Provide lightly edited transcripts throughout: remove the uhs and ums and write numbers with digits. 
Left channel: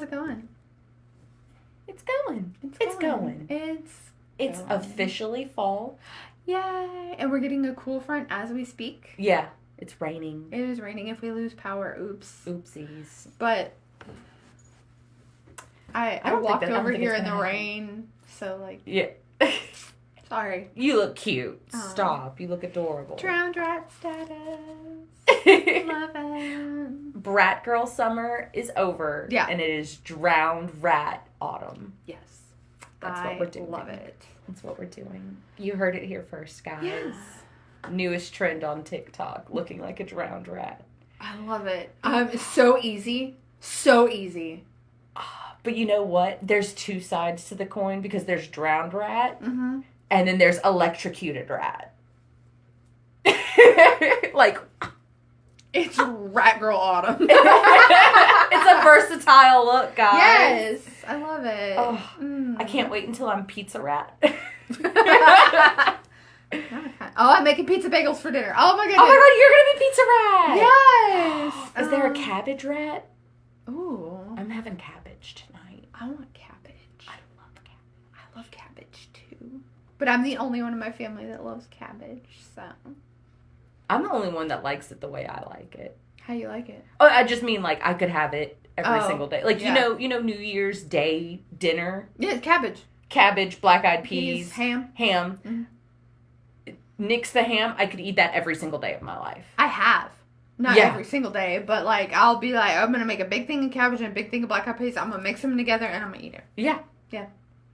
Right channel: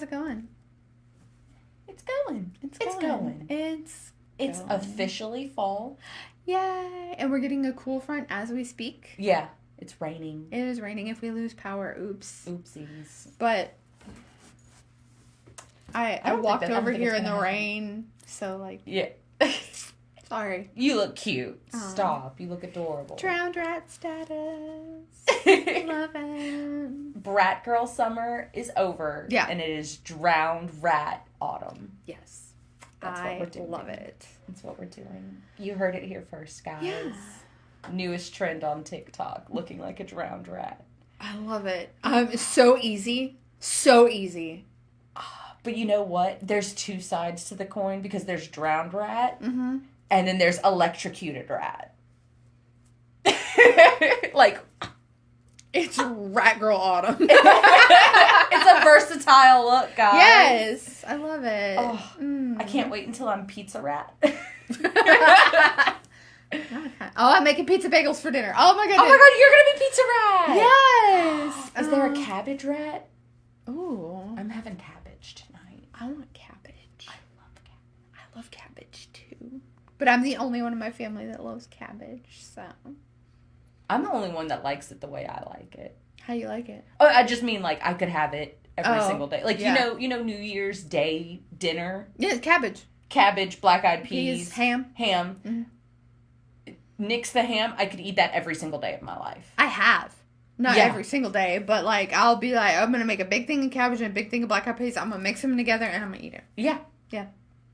How's it going? It's going. It's going. It's officially fall. Yay! And we're getting a cool front as we speak. Yeah, it's raining. It is raining. If we lose power, oops. Oopsies. But I walked over here in the rain, so like... Yeah. Sorry. You look cute. Stop. You look adorable. Drowned rat status. Love it. Brat girl summer is over. Yeah. And it is drowned rat autumn. Yes. That's what we're doing. Love it. That's what we're doing. You heard it here first, guys. Yeah. Newest trend on TikTok, looking like a drowned rat. I love it. It's so easy. So easy. But you know what? There's two sides to the coin because there's drowned rat Mm-hmm. and then there's electrocuted rat. Like... It's rat girl autumn. It's a versatile look, guys. Yes. I love it. Oh, I can't wait until I'm pizza rat. I'm making pizza bagels for dinner. Oh my goodness. Oh my god, you're gonna be pizza rat. Yes. Is there a cabbage rat? Ooh. I'm having cabbage tonight. I want cabbage. I love cabbage. I love cabbage too. But I'm the only one in my family that loves cabbage, so. I'm the only one that likes it the way I like it. How you like it? Oh, I just mean like I could have it every single day. Like yeah. you know New Year's Day dinner? Yeah, cabbage. Cabbage, black-eyed peas, ham. Mm-hmm. Nix the ham, I could eat that every single day of my life. I have. Not every single day, but like I'll be like, I'm gonna make a big thing of cabbage and a big thing of black-eyed peas. I'm gonna mix them together and I'm gonna eat it. Yeah. Yeah.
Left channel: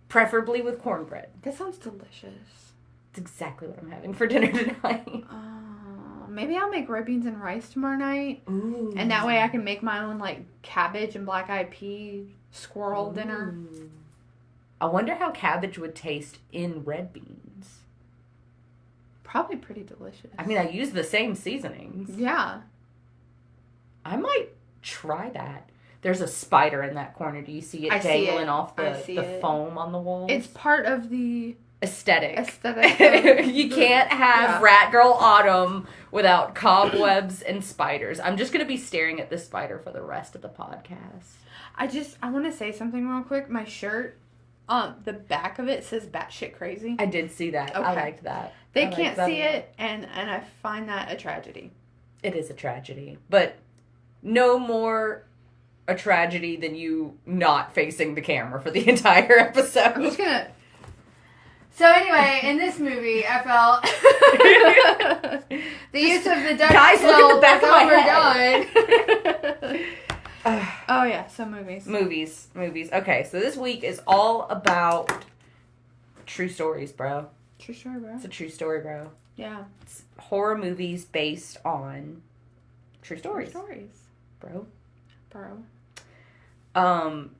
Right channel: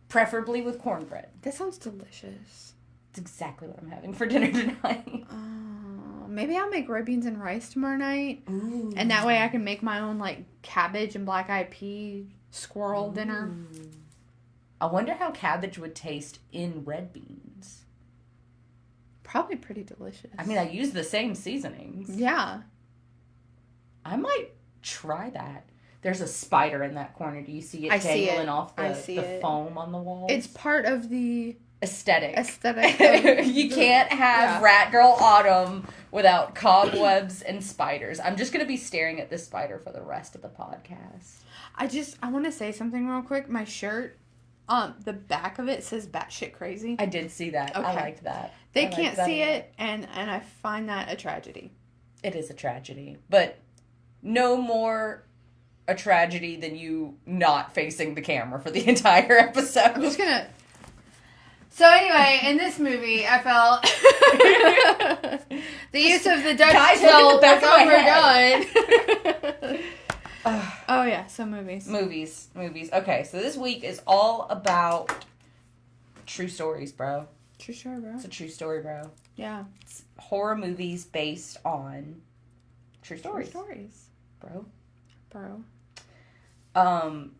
Preferably with cornbread. That sounds delicious. It's exactly what I'm having for dinner tonight. Maybe I'll make red beans and rice tomorrow night. Ooh. And that way I can make my own, like, cabbage and black-eyed pea squirrel dinner. I wonder how cabbage would taste in red beans. Probably pretty delicious. I mean, I use the same seasonings. Yeah. I might try that. There's a spider in that corner. Do you see it dangling off the foam on the wall? It's part of the... Aesthetic. You Of can't have Rat Girl Autumn without cobwebs and spiders. I'm just going to be staring at this spider for the rest of the podcast. I want to say something real quick. My shirt, the back of it says batshit crazy. I did see that. Okay. I liked that. They can't see it, and I find that a tragedy. It is a tragedy. But no more a tragedy than you not facing the camera for the entire episode. I'm just going to... So anyway, in this movie, I felt the use of the Dutch tilt was overdone. Oh yeah, so movies. Movies. Okay, so this week is all about true stories, bro. True story, bro. It's a true story, bro. Yeah. It's horror movies based on true stories. True stories. Bro.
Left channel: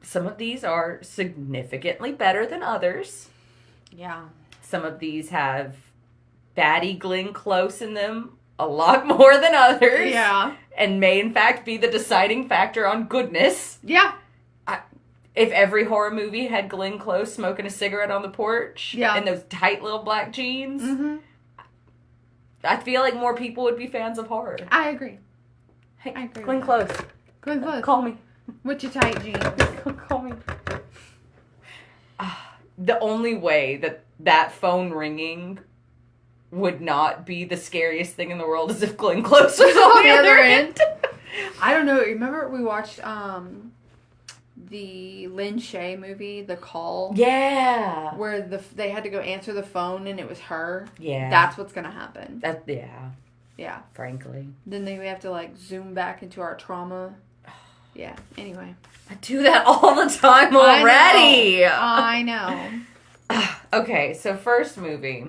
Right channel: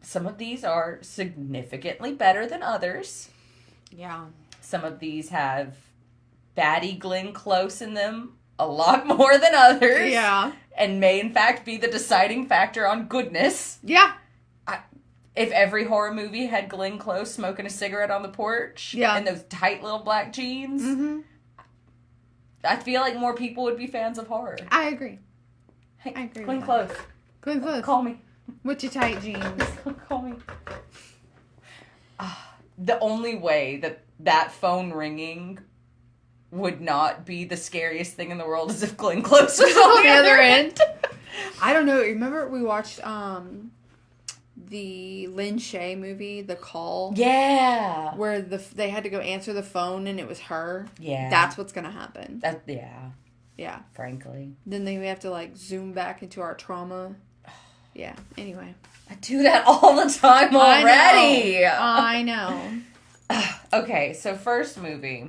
Some of these are significantly better than others. Yeah. Some of these have baddie Glenn Close in them a lot more than others. Yeah. And may, in fact, be the deciding factor on goodness. Yeah. If every horror movie had Glenn Close smoking a cigarette on the porch and those tight little black jeans, I feel like more people would be fans of horror. I agree. Hey, I agree Glenn Close. Glenn Close. Call me. With your tight jeans. Call me. The only way that phone ringing would not be the scariest thing in the world is if Glenn Close was on the other end. I don't know. Remember we watched the Lin Shaye movie, The Call? Yeah. Where they had to go answer the phone and it was her? Yeah. That's what's going to happen. Yeah. Frankly. Then they have to like zoom back into our trauma. Yeah. Anyway. I do that all the time already. I know. Okay, so first movie.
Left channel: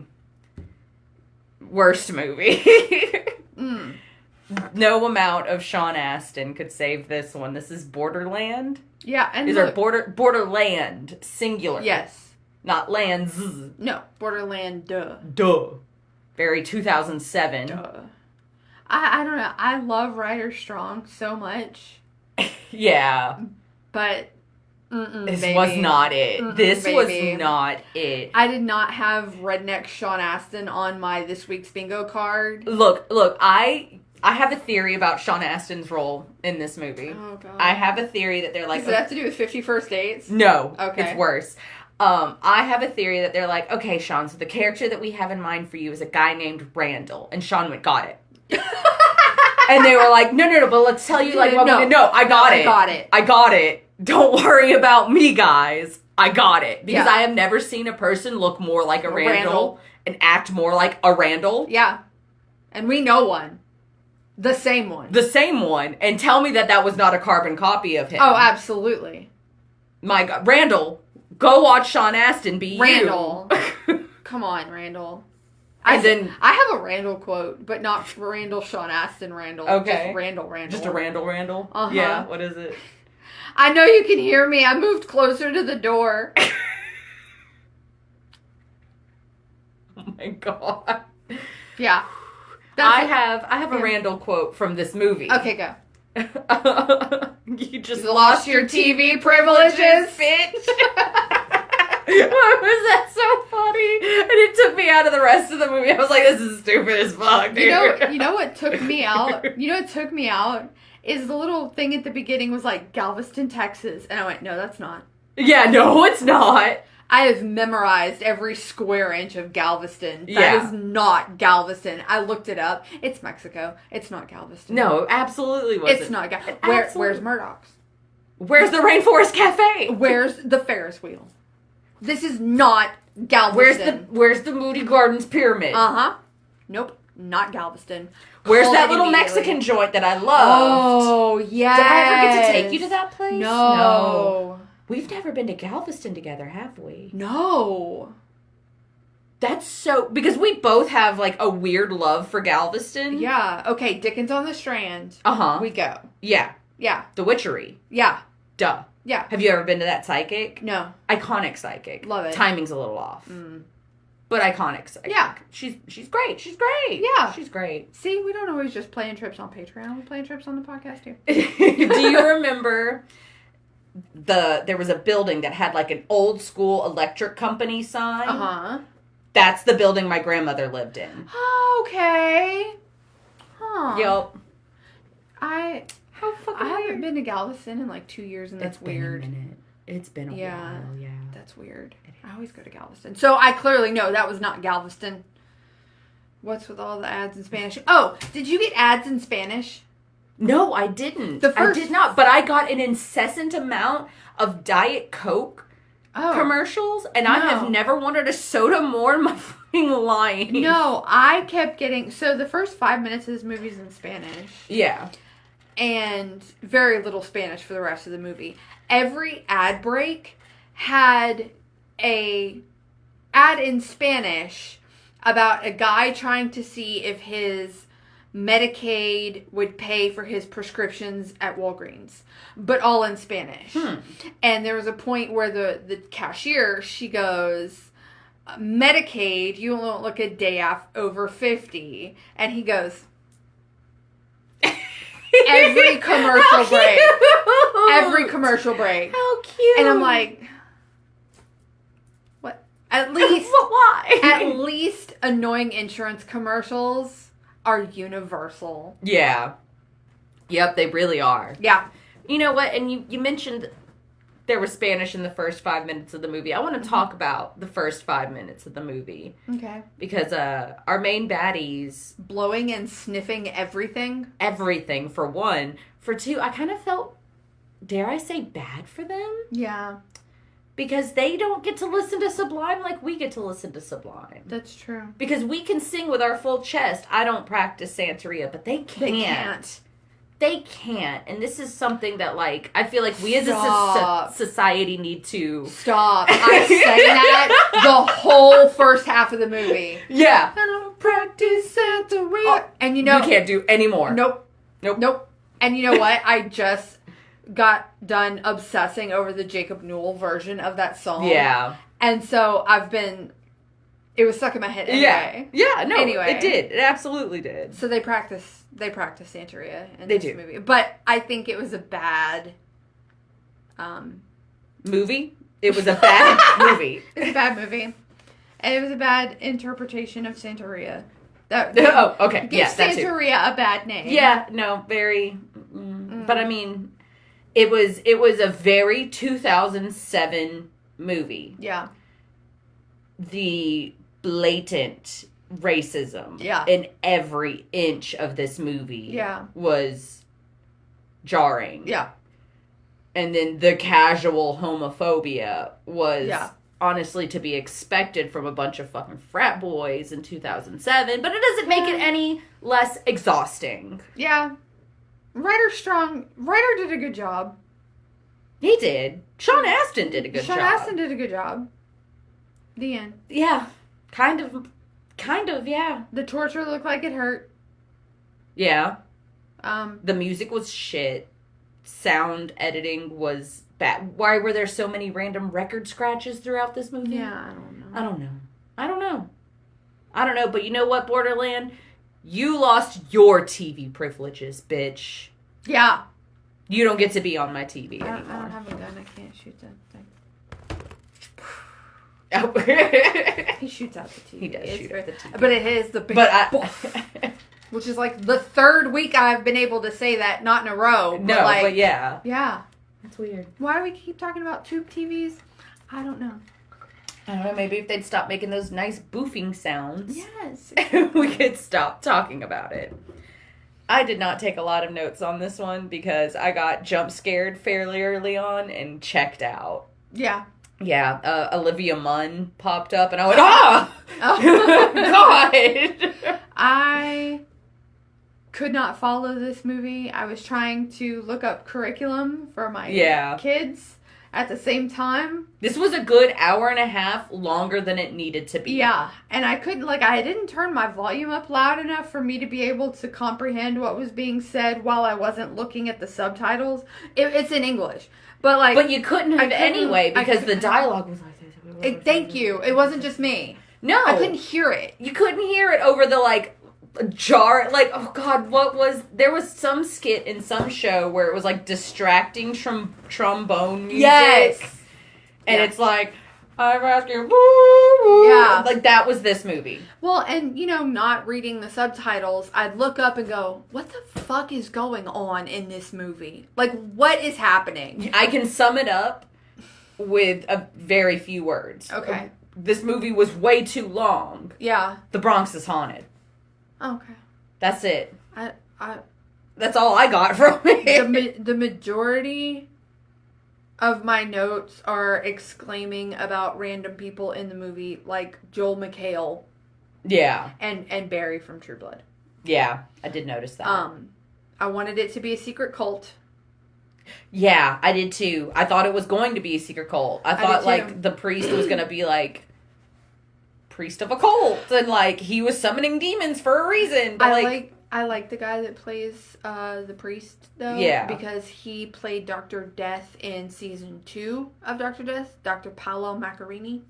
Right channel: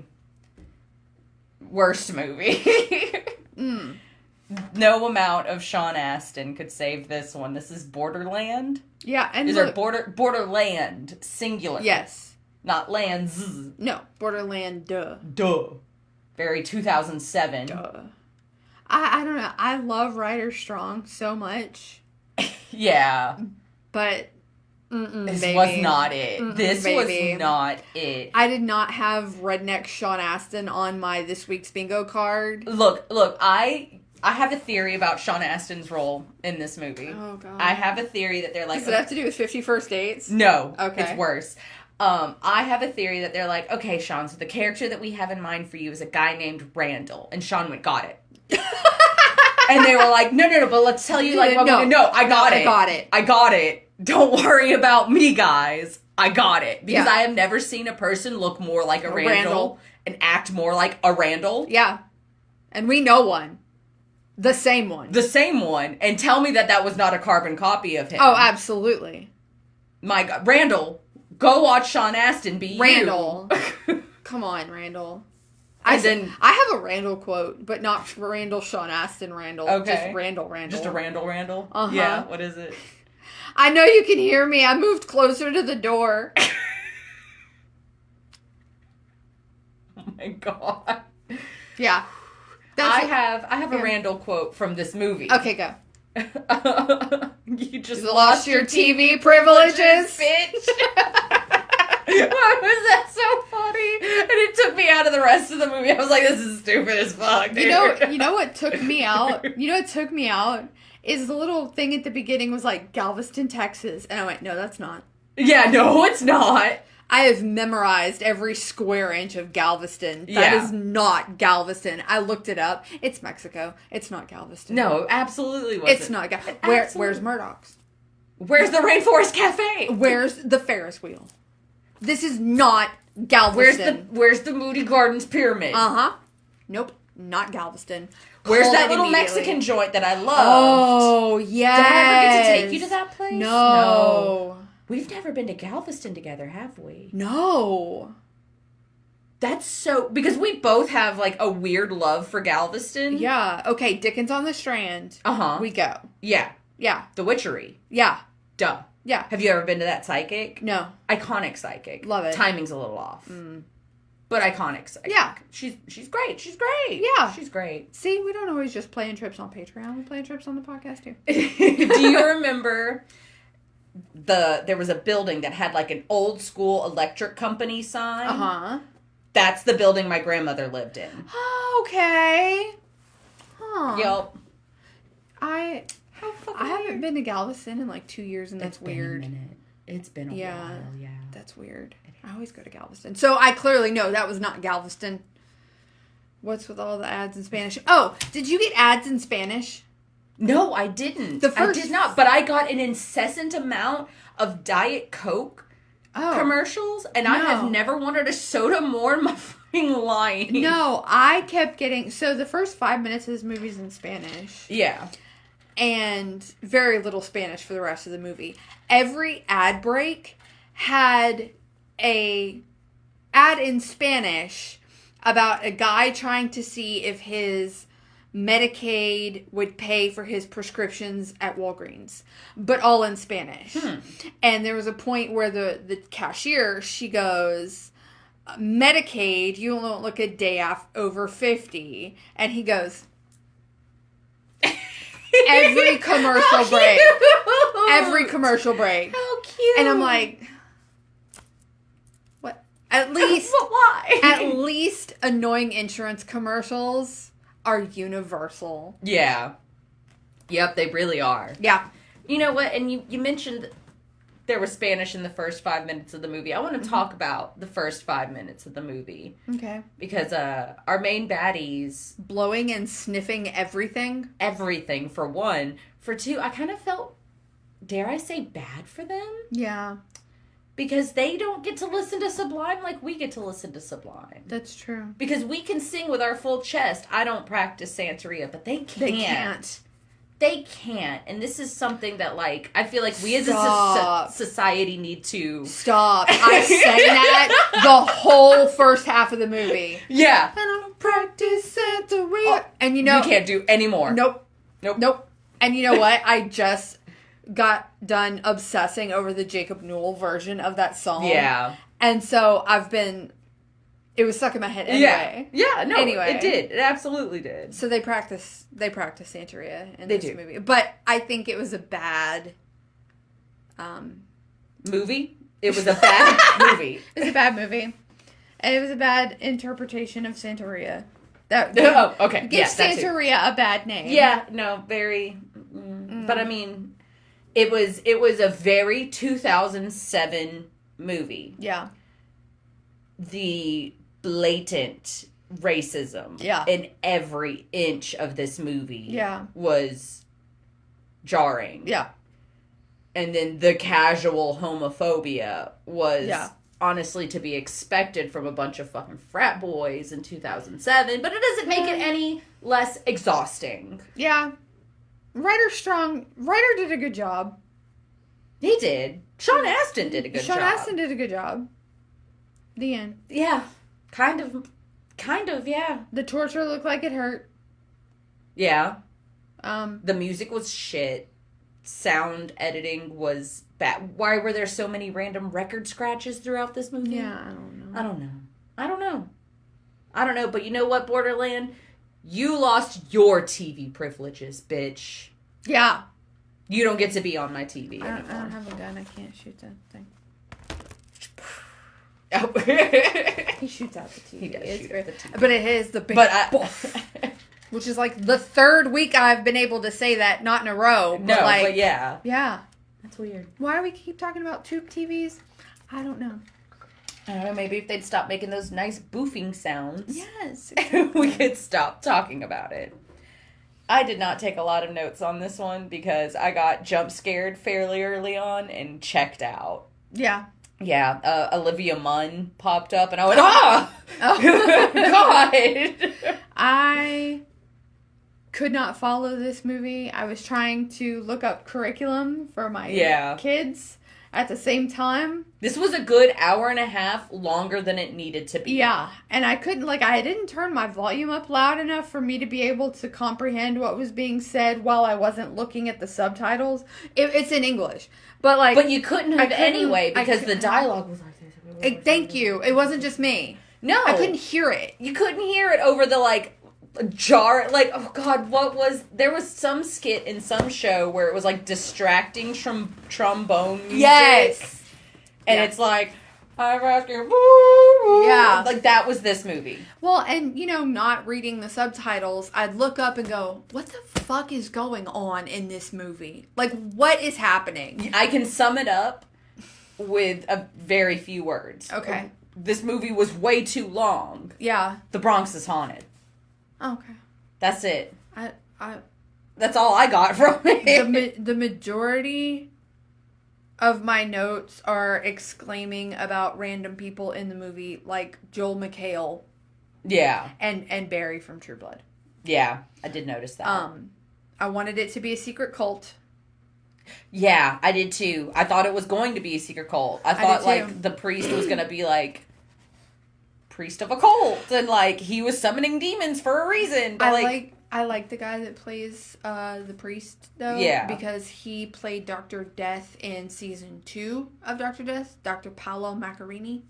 Worst movie. No amount of Sean Astin could save this one. This is Borderland. Yeah, and these are Borderland, singular. Yes. Not lands. No, Borderland, Duh. Very 2007. Duh. I don't know. I love Ryder Strong so much. Yeah. But this was not it. This was not it. I did not have Redneck Sean Astin on my This Week's Bingo card. Look, I I have a theory about Sean Astin's role in this movie. Oh, God. I have a theory that they're like... Does it have to do with 50 First Dates? No. Okay. It's worse. I have a theory that they're like, okay, Sean, so the character that we have in mind for you is a guy named Randall. And Sean went, got it. And they were like, no, but let's tell you, like, what I got it. Don't worry about me, guys. I got it. Because I have never seen a person look more like a Randall and act more like a Randall. Yeah. And we know one. The same one. And tell me that was not a carbon copy of him. Oh, absolutely. My God. Randall, go watch Sean Astin be Randall. Come on, Randall. I have a Randall quote, but not Randall Sean Astin Randall. Okay. Just Randall. Just a Randall? Uh-huh. Yeah, what is it? I know you can hear me. I moved closer to the door. Oh my God. Yeah. I have a Randall quote from this movie. Okay, go. You just lost your TV privileges, bitch. Why was that so funny? And it took me out of the rest of the movie. I was like, this is stupid as fuck, dude. You know what took me out? You know what took me out? Is the little thing at the beginning was like Galveston, Texas. And I went, no, that's not. Yeah, no, it's not. I have memorized every square inch of Galveston. That is not Galveston. I looked it up. It's Mexico. It's not Galveston. No, absolutely wasn't. It's not Galveston. Where's Murdoch's? Where's the Rainforest Cafe? Where's the Ferris wheel? This is not Galveston. Where's the Moody Gardens Pyramid? Uh-huh. Nope, not Galveston. Where's that little Mexican joint that I love? Oh, yes. Did I ever get to take you to that place? No. We've never been to Galveston together, have we? No. That's so... Because we both have, like, a weird love for Galveston. Yeah. Okay, Dickens on the Strand. Uh-huh. We go. Yeah. Yeah. The Witchery. Yeah. Duh. Yeah. Have you ever been to that psychic? No. Iconic psychic. Love it. Timing's a little off. But iconic psychic. Yeah. She's great. She's great. Yeah. She's great. See, we don't always just plan trips on Patreon. We plan trips on the podcast, too. Do you remember... There was a building that had like an old school electric company sign. Uh-huh. That's the building my grandmother lived in. Okay. Huh. Yup. I haven't been to Galveston in like 2 years, and that's weird. It's been a while, yeah. That's weird. I always go to Galveston. So I clearly know that was not Galveston. What's with all the ads in Spanish? Oh, did you get ads in Spanish? No, I didn't. I did not. But I got an incessant amount of Diet Coke commercials, and I have never wanted a soda more in my fucking life. No, I kept getting... So the first 5 minutes of this movie is in Spanish. Yeah. And very little Spanish for the rest of the movie. Every ad break had a ad in Spanish about a guy trying to see if his Medicaid would pay for his prescriptions at Walgreens, but all in Spanish. And there was a point where the cashier, she goes, Medicaid, you won't look a day over 50. And he goes, every commercial break. Every commercial break. How cute. And I'm like, what? At least, why? At least annoying insurance commercials are universal. Yeah. Yep, they really are. Yeah. You know what? And you mentioned there was Spanish in the first 5 minutes of the movie. I want to talk about the first 5 minutes of the movie. Okay. Because our main baddies... blowing and sniffing everything? Everything, for one. For two, I kind of felt, dare I say, bad for them? Yeah. Because they don't get to listen to Sublime like we get to listen to Sublime. That's true. Because we can sing with our full chest. I don't practice Santeria, but they can't. They can't. And this is something that, like, I feel like we as a society need to... Stop. I sang that the whole first half of the movie. Yeah. I don't practice Santeria. And you know... We can't do any more. Nope. And you know what? I just got done obsessing over the Jacob Newell version of that song. Yeah. And so it was stuck in my head anyway. Yeah, no, it did. It absolutely did. So they practice Santeria in this movie. But I think it was a bad movie? It was a bad movie. It was a bad movie. And it was a bad interpretation of Santeria. Oh, okay. Give Santeria a bad name. Yeah, no, very. But I mean, it was a very 2007 movie. Yeah. The blatant racism in every inch of this movie was jarring. Yeah. And then the casual homophobia was honestly to be expected from a bunch of fucking frat boys in 2007, but it doesn't make it any less exhausting. Yeah. Ryder did a good job. He did. Sean Astin did a good job. Sean Astin did a good job. The end. Yeah. Kind of, yeah. The torture looked like it hurt. Yeah. The music was shit. Sound editing was bad. Why were there so many random record scratches throughout this movie? Yeah, I don't know. But you know what, Borderland? You lost your TV privileges, bitch. Yeah. You don't get to be on my TV anymore. I don't have a gun. I can't shoot that thing. Oh. He shoots out the TV. He does shoot out the TV. But it is the big which is like the third week I've been able to say that, not in a row. But yeah. Yeah. That's weird. Why do we keep talking about tube TVs? I don't know. I don't know, maybe if they'd stop making those nice boofing sounds. Yes. We could stop talking about it. I did not take a lot of notes on this one because I got jump scared fairly early on and checked out. Yeah. Yeah, Olivia Munn popped up and I went, oh God! I could not follow this movie. I was trying to look up curriculum for my kids at the same time. This was a good hour and a half longer than it needed to be. Yeah, and I couldn't, I didn't turn my volume up loud enough for me to be able to comprehend what was being said while I wasn't looking at the subtitles. It's in English. But you couldn't have anyway because the dialogue was like... Thank you. It wasn't just me. No. I couldn't hear it. You couldn't hear it over the, jar... oh, God, what was... There was some skit in some show where it was, distracting trombone music. Yes. And it's like... I'm asking... Yeah. That was this movie. Well, and, not reading the subtitles, I'd look up and go, what the fuck is going on in this movie? What is happening? I can sum it up with a very few words. Okay. This movie was way too long. Yeah. The Bronx is haunted. Okay. That's it. I That's all I got from it. The majority of my notes are exclaiming about random people in the movie, like Joel McHale. Yeah. And Barry from True Blood. Yeah, I did notice that. I wanted it to be a secret cult. Yeah, I did too. I thought it was going to be a secret cult. I thought, the priest was going to be, priest of a cult. And, he was summoning demons for a reason. But, I like the guy that plays the priest, though. Yeah. Because he played Dr. Death in season 2 of Dr. Death, Dr. Paolo Macchiarini.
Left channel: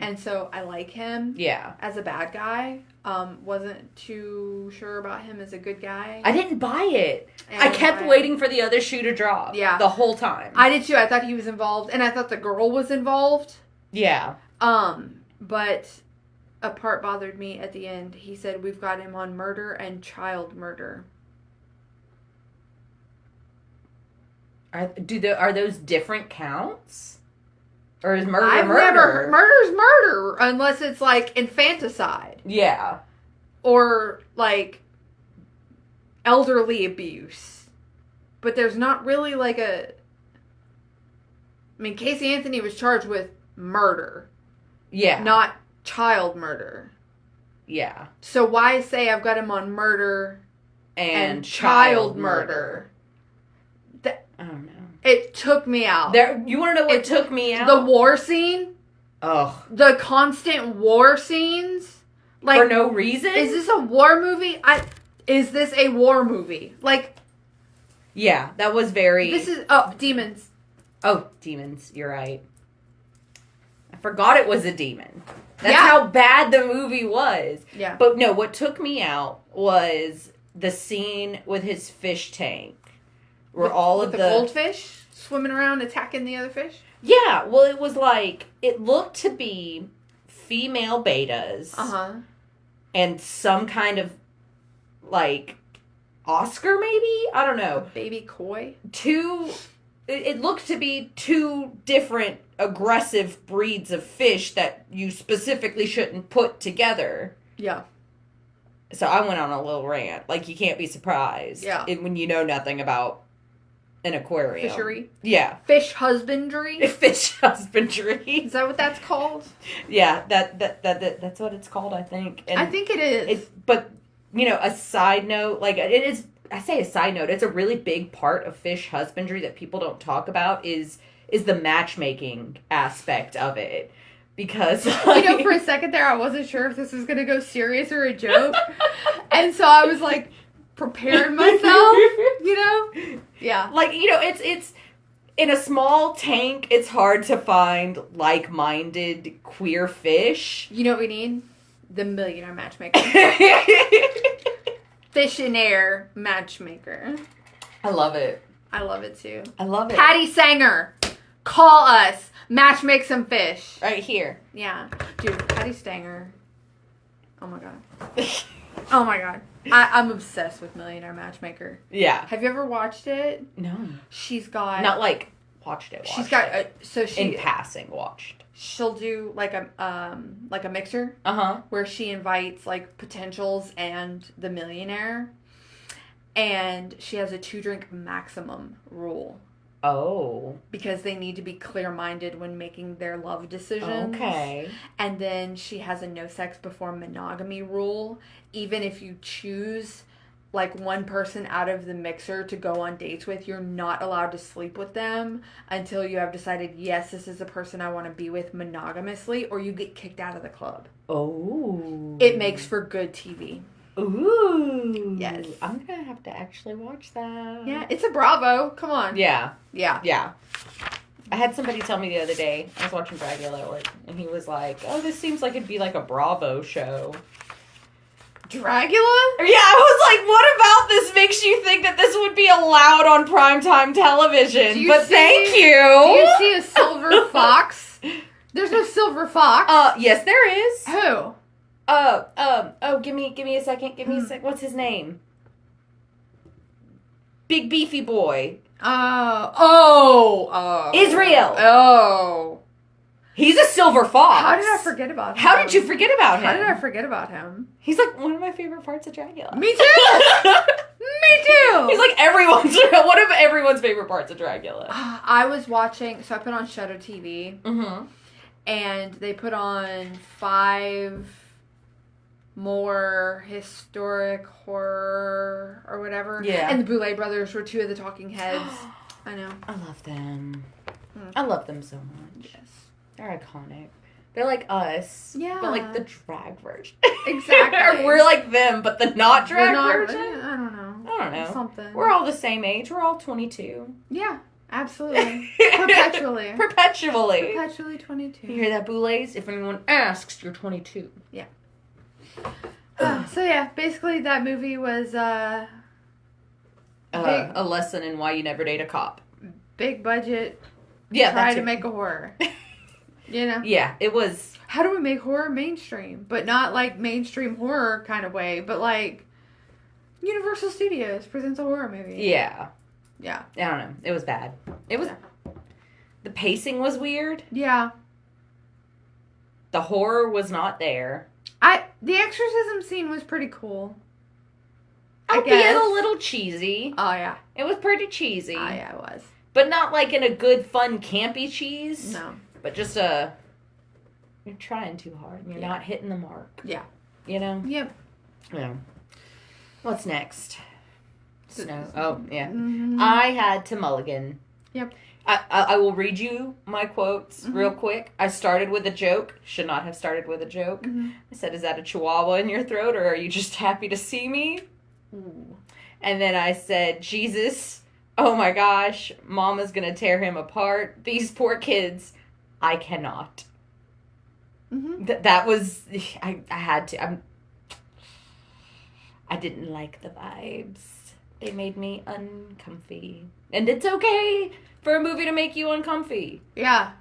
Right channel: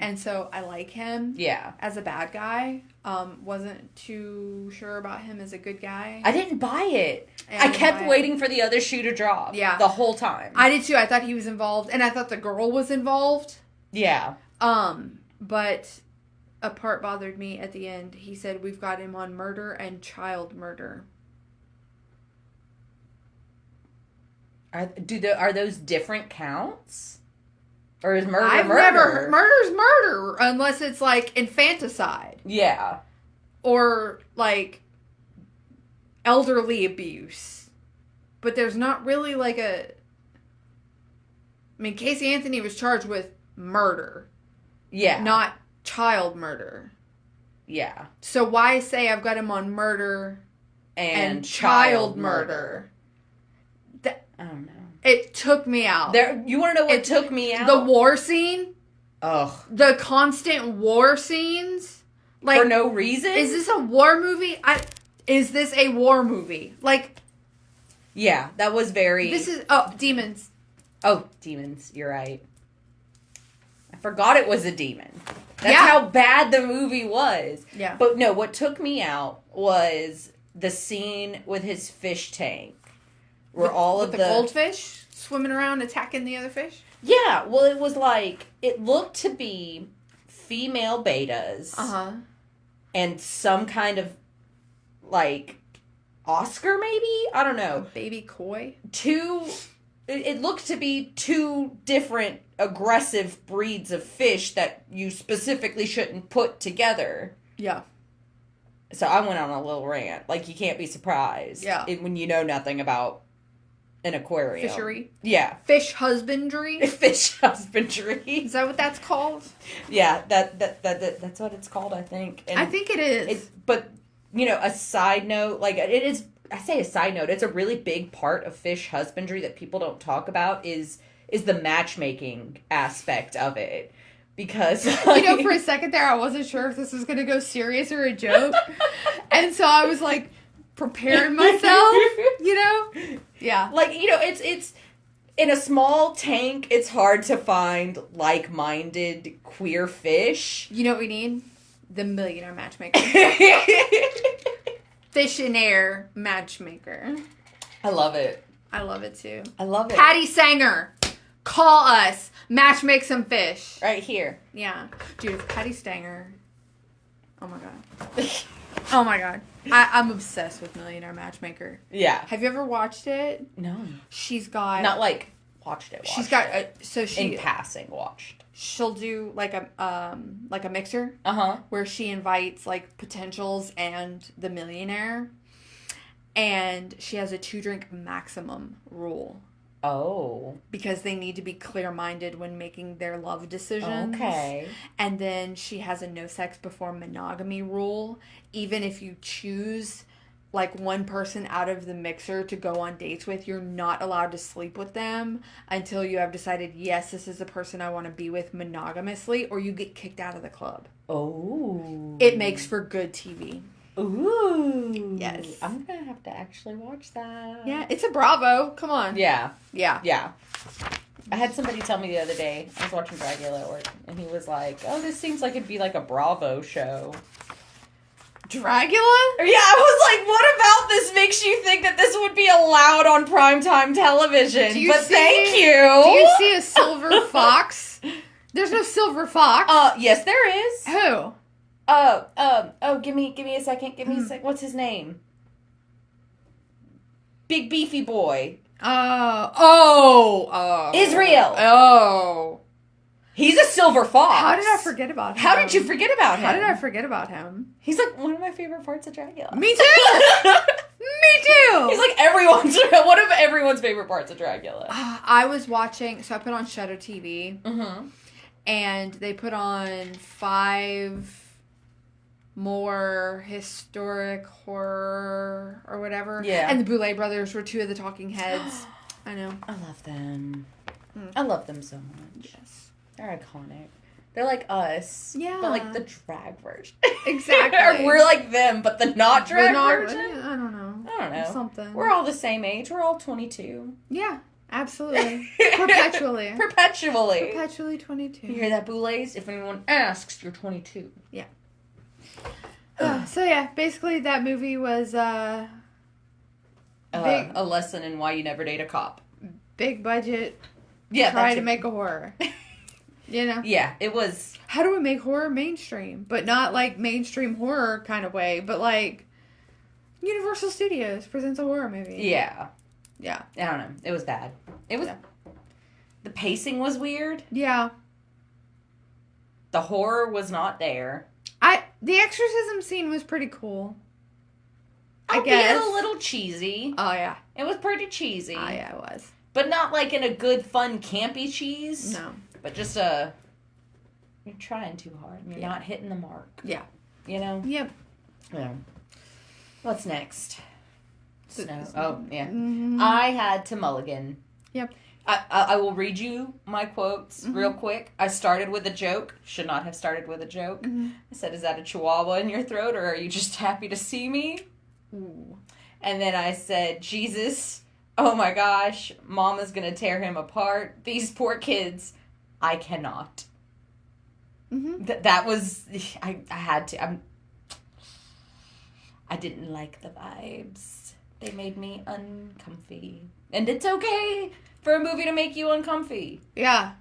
And so I like him as a bad guy. Wasn't too sure about him as a good guy. I didn't buy it. And I kept waiting for the other shoe to drop. Yeah. The whole time. I did too. I thought he was involved. And I thought the girl was involved. Yeah. But a part bothered me at the end. He said, we've got him on murder and child murder. Are those different counts? Or is murder murder? Murder's murder, unless it's infanticide. Yeah. Or elderly abuse. But there's not really Casey Anthony was charged with murder. Yeah. Not child murder. Yeah. So why say I've got him on murder and child murder? I don't know. It took me out. You want to know what took me out? The war scene. Ugh. The constant war scenes. For no reason? Is this a war movie? Is this a war movie? Yeah, that was very... This is... demons. Oh, demons. You're right. I forgot it was a demon. That's how bad the movie was. Yeah. But no, what took me out was the scene with his fish tank. Where all of the goldfish swimming around attacking the other fish? Yeah, well, it was it looked to be female betas. and some kind of, like, Oscar, maybe? I don't know. Baby koi? It looked to be two different aggressive breeds of fish that you specifically shouldn't put together. Yeah. So I went on a little rant. Like, you can't be surprised. Yeah. When you know nothing about an aquarium. Fishery? Yeah. Fish husbandry? Fish husbandry. Is that what that's called? Yeah, that's what it's called, I think. And I think it is. But, you know, a side note, like, it is, I say a side note, it's a really big part of fish husbandry that people don't talk about is the matchmaking aspect of it. Because, like, you know, for a second there, I wasn't sure if this was going to go serious or a joke. And so I was, like, preparing myself, you know? Yeah. Like, you know, it's in a small tank, it's hard to find like-minded queer fish. You know what we need? The millionaire matchmaker. Fish in air matchmaker. I love it. I love it, too. I love it. Patty Sanger, call us. Matchmake some fish. Right here. Yeah. Dude, Patty Stanger. Oh, my God. Oh, my God. I'm obsessed with Millionaire Matchmaker. Yeah. Have you ever watched it? No. She's got... Not, like, watched it. She's got... in passing, watched. She'll do, like a mixer. Uh-huh. Where she invites, like, potentials and the millionaire. And she has a 2-drink maximum rule. Oh. Because they need to be clear-minded when making their love decisions. Okay. And then she has a no sex before monogamy rule. Even if you choose, like, one person out of the mixer to go on dates with, you're not allowed to sleep with them until you have decided, yes, this is the person I want to be with monogamously, or you get kicked out of the club. Oh. It makes for good TV. Ooh. Yes. I'm going to have to actually watch that. Yeah, it's a Bravo. Come on. Yeah. Yeah. Yeah. I had somebody tell me the other day, I was watching Dragula at work, and he was like, oh, this seems like it'd be like a Bravo show. Dragula? Yeah, I was like, what about this makes you think that this would be allowed on primetime television? Thank you. Do you see a silver fox? There's no silver fox. Yes, there is. Who? Give me a second. Give me a sec. What's his name? Big beefy boy. Israel. Oh. He's a silver fox. How did I forget about him? How did you forget about him? How did I forget about him? He's like one of my favorite parts of Dragula. Me too. Me too. He's like one of everyone's favorite parts of Dragula. I was watching, so I put on Shadow TV. Mm-hmm. And they put on 5 more historic horror or whatever. Yeah. And the Boulet brothers were 2 of the talking heads. I know. I love them. I love them so much. Yes. They're iconic. They're like us. Yeah. But like the drag version. Exactly. Or we're like them, but the not drag version. I don't know. I don't know. Something. We're all the same age. We're all 22. Yeah. Absolutely. Perpetually. Perpetually 22. You hear that, Boulets? If anyone asks, you're 22. Yeah. So yeah, basically that movie was a lesson in why you never date a cop. Big budget. Yeah, try to make a horror. You know? Yeah, it was. How do we make horror mainstream? But not like mainstream horror kind of way, but like Universal Studios presents a horror movie. Yeah. Yeah. I don't know. It was bad. It was. Yeah. The pacing was weird. Yeah. The horror was not there. The exorcism scene was pretty cool. I guess. A little cheesy. Oh, yeah. It was pretty cheesy. Oh, yeah, it was. But not like in a good, fun, campy cheese. No. But just you're trying too hard. You're not hitting the mark. Yeah. You know? Yep. Yeah. What's next? Snow. Oh, yeah. Mm-hmm. I had to mulligan. Yep. I will read you my quotes real quick. I started with a joke. Should not have started with a joke. Mm-hmm. I said, is that a chihuahua in your throat, or are you just happy to see me? Ooh. And then I said, Jesus, oh my gosh, Mama's going to tear him apart. These poor kids, I cannot. Mm-hmm. That was, I had to. I didn't like the vibes. They made me uncomfy. And it's okay for a movie to make you uncomfy. Yeah.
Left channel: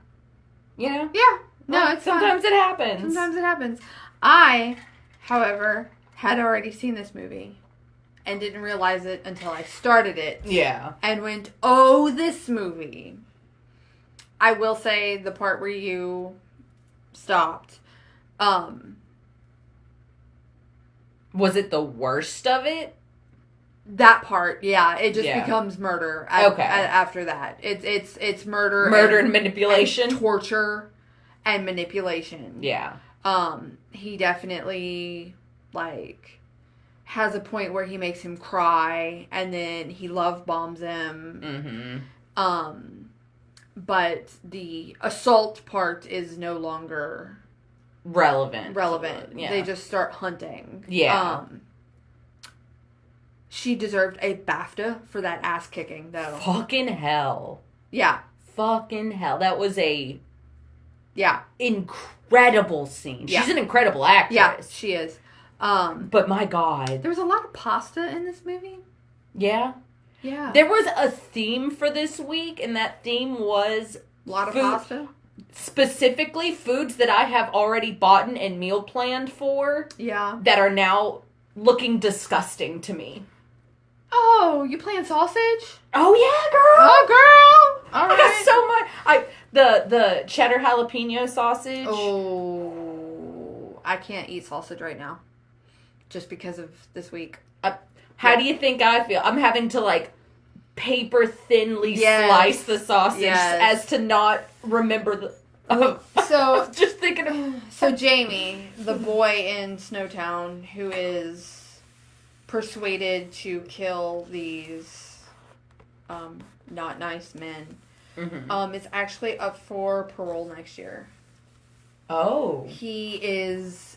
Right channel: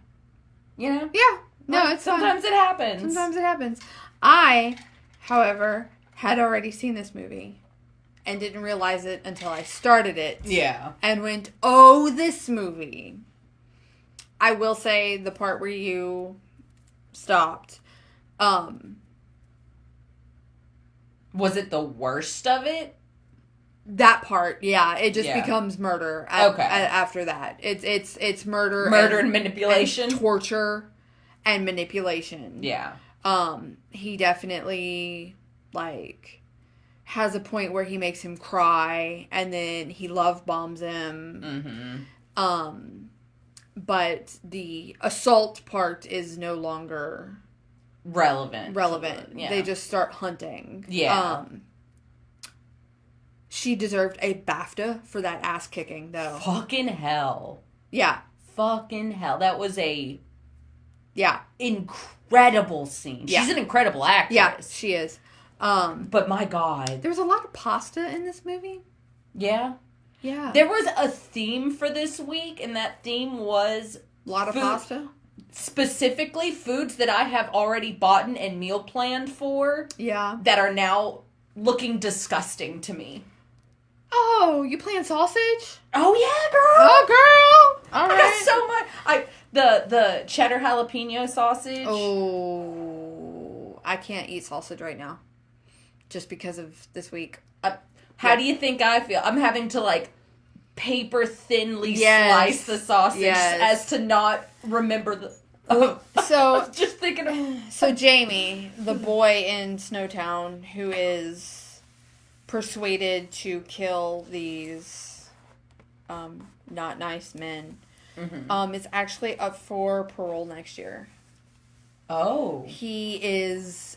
You know? Yeah. No, it's sometimes it happens. Sometimes it happens. I However, had already seen this movie and didn't realize it until I started it. Yeah. And went, oh, this movie. I will say the part where you stopped. Was it the worst of it? That part, yeah. It just becomes murder after that. It's murder. Murder and manipulation. And torture and manipulation. Yeah. He definitely, like, has a point where he makes him cry, and then he love bombs him. Mm-hmm. But the assault part is no longer relevant. Yeah. They just start hunting. Yeah. She deserved a BAFTA for that ass kicking, though. Fucking hell. Yeah. Fucking hell. That was a incredible scene. Yeah. She's an incredible actress. Yeah, she is. But my God. There was a lot of pasta in this movie. Yeah. Yeah. There was a theme for this week, and that theme was a lot of pasta. Specifically, foods that I have already bought and meal planned for. Yeah. That are now looking disgusting to me. Oh, you playing sausage? Oh yeah, girl. Oh girl. All right. I got so much. The cheddar jalapeno sausage. Oh, I can't eat sausage right now, just because of this week. How do you think I feel? I'm having to, like, paper thinly slice the sausage as to not remember the... So just thinking of... So Jamie, the boy in Snowtown, who is persuaded to kill these not nice men, is actually up for parole next year. Oh. He is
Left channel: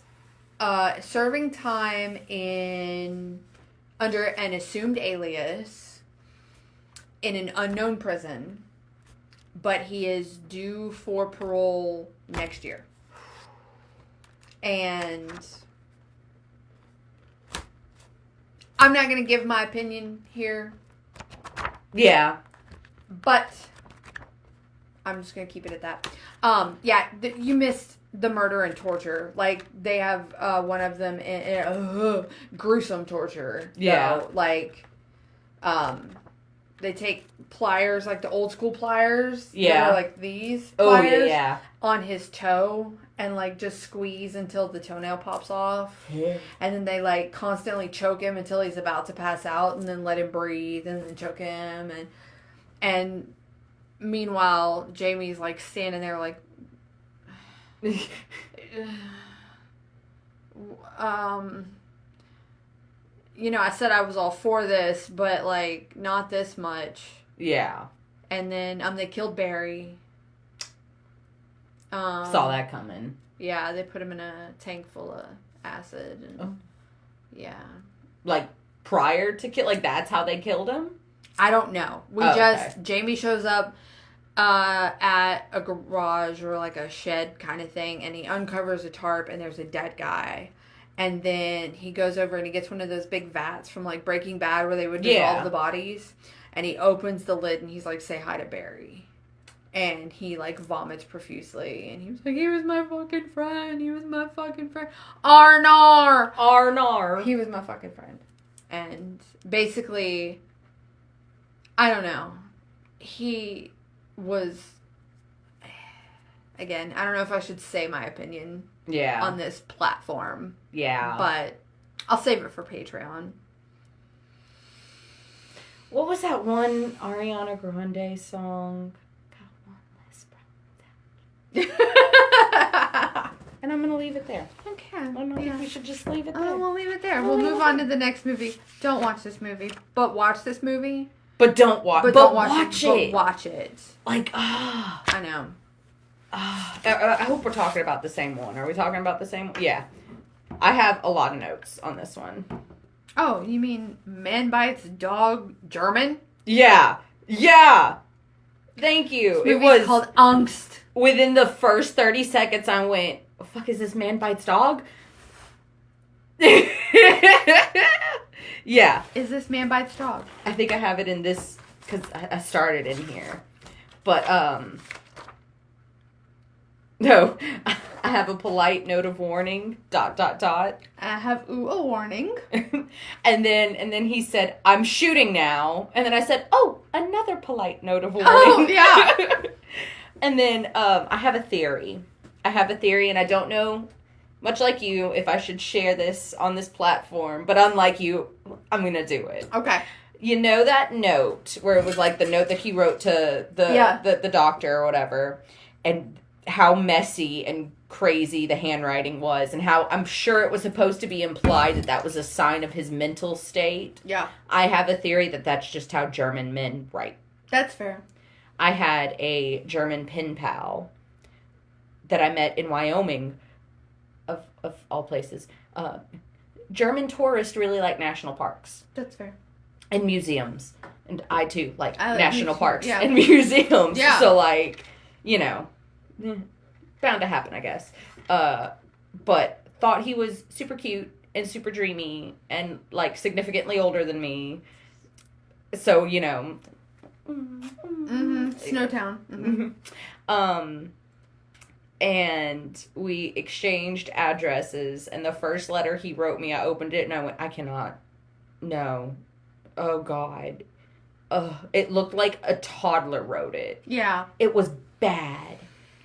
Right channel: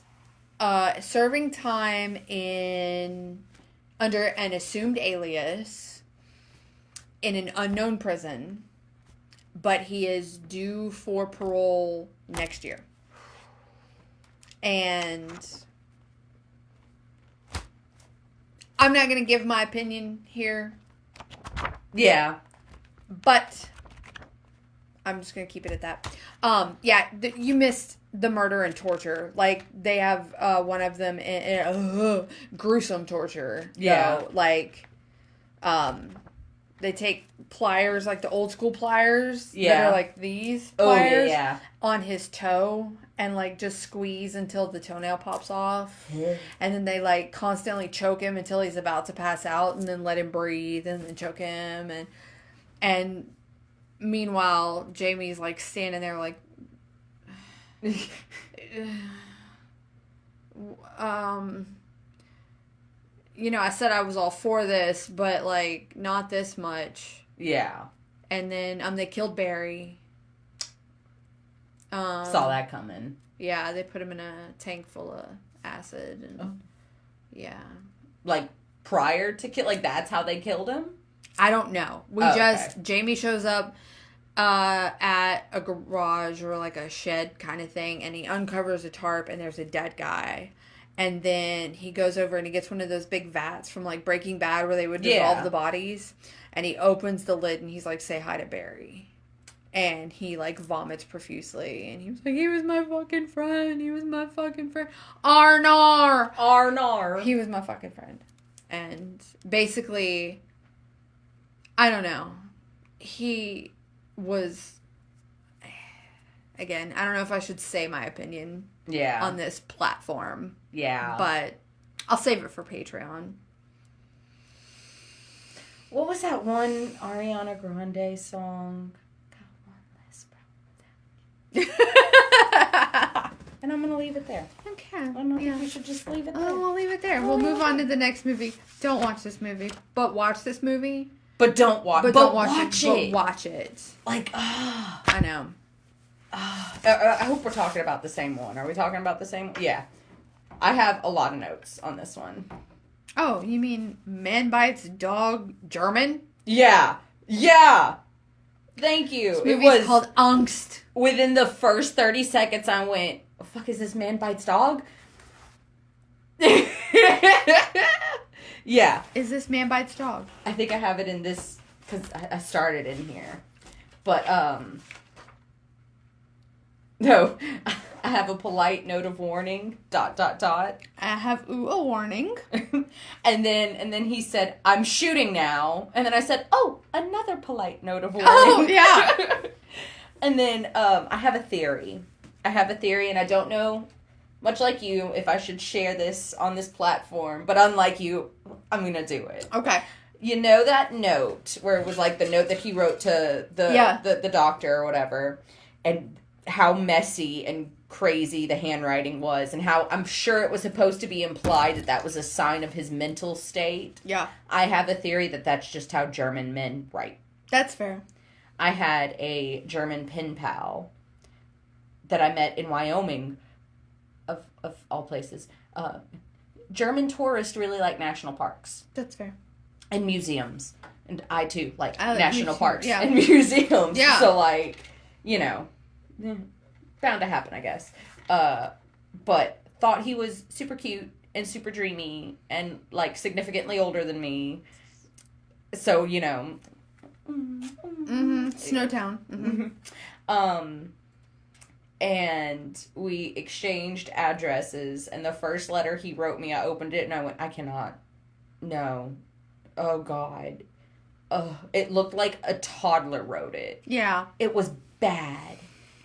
serving time under an assumed alias in an unknown prison, but he is due for parole next year. And I'm not going to give my opinion here. Yeah. But I'm just going to keep it at that. You missed the murder and torture. Like, they have one of them in gruesome torture. Yeah. Though. Like, they take pliers, like the old school pliers. Yeah. That are like these pliers. Oh, yeah. On his toe and, like, just squeeze until the toenail pops off. Yeah. And then they, like, constantly choke him until he's about to pass out and then let him breathe and then choke him. And meanwhile, Jamie's, like, standing there, like... I said I was all for this, but, like, not this much. Yeah. And then they killed Barry. Saw that coming. Yeah, they put him in a tank full of acid and yeah. Like prior to kill, like that's how they killed him? I don't know. Jamie shows up at a garage or like a shed kind of thing, and he uncovers a tarp and there's a dead guy. And then he goes over and he gets one of those big vats from like Breaking Bad where they would dissolve the bodies. And he opens the lid and he's like, say hi to Barry. And he like vomits profusely. And he was like, he was my fucking friend. He was my fucking friend. Arnar. Arnar. He was my fucking friend. And basically, I don't know. He was, again, I don't know if I should say my opinion on this platform. Yeah. But I'll save it for Patreon. What was that one Ariana Grande song? Got one less problem. And I'm going to leave it there. Okay. I don't think we should just leave it there. Oh, we'll leave it there. We'll move on to the next movie. Don't watch this movie. But watch this movie. But don't watch it. But watch it. But watch it. Like, I know. I hope we're talking about the same one. Are we talking about the same one? Yeah. I have a lot of notes on this one. Oh, you mean Man Bites Dog German? Yeah. Yeah. Thank you. It was called Angst. Within the first 30 seconds, I went, "The fuck is this Man Bites Dog?" Yeah. Is this Man Bites Dog? I think I have it in this, because I started in here. But, no. I have a polite note of warning, ... I have a warning. and then he said, I'm shooting now. And then I said, oh, another polite note of warning. Oh, yeah. And then I have a theory. And I don't know, much like you, if I should share this on this platform. But unlike you, I'm going to do it. Okay. You know that note where it was like the note that he wrote to the doctor or whatever, and how messy and crazy the handwriting was, and how I'm sure it was supposed to be implied that that was a sign of his mental state. Yeah. I have a theory that that's just how German men write. That's fair. I had a German pen pal that I met in Wyoming, of all places. German tourists really like national parks. That's fair. And museums. And I, too, like national museums, parks yeah. and museums. Yeah. So, like, you know, bound to happen, I guess. But thought he was super cute and super dreamy and, like, significantly older than me. So, you know. Snowtown. Mm-hmm. And we exchanged addresses, and the first letter he wrote me, I opened it and I went, I cannot. No. Oh, God. It looked like a toddler wrote it. Yeah. It was bad.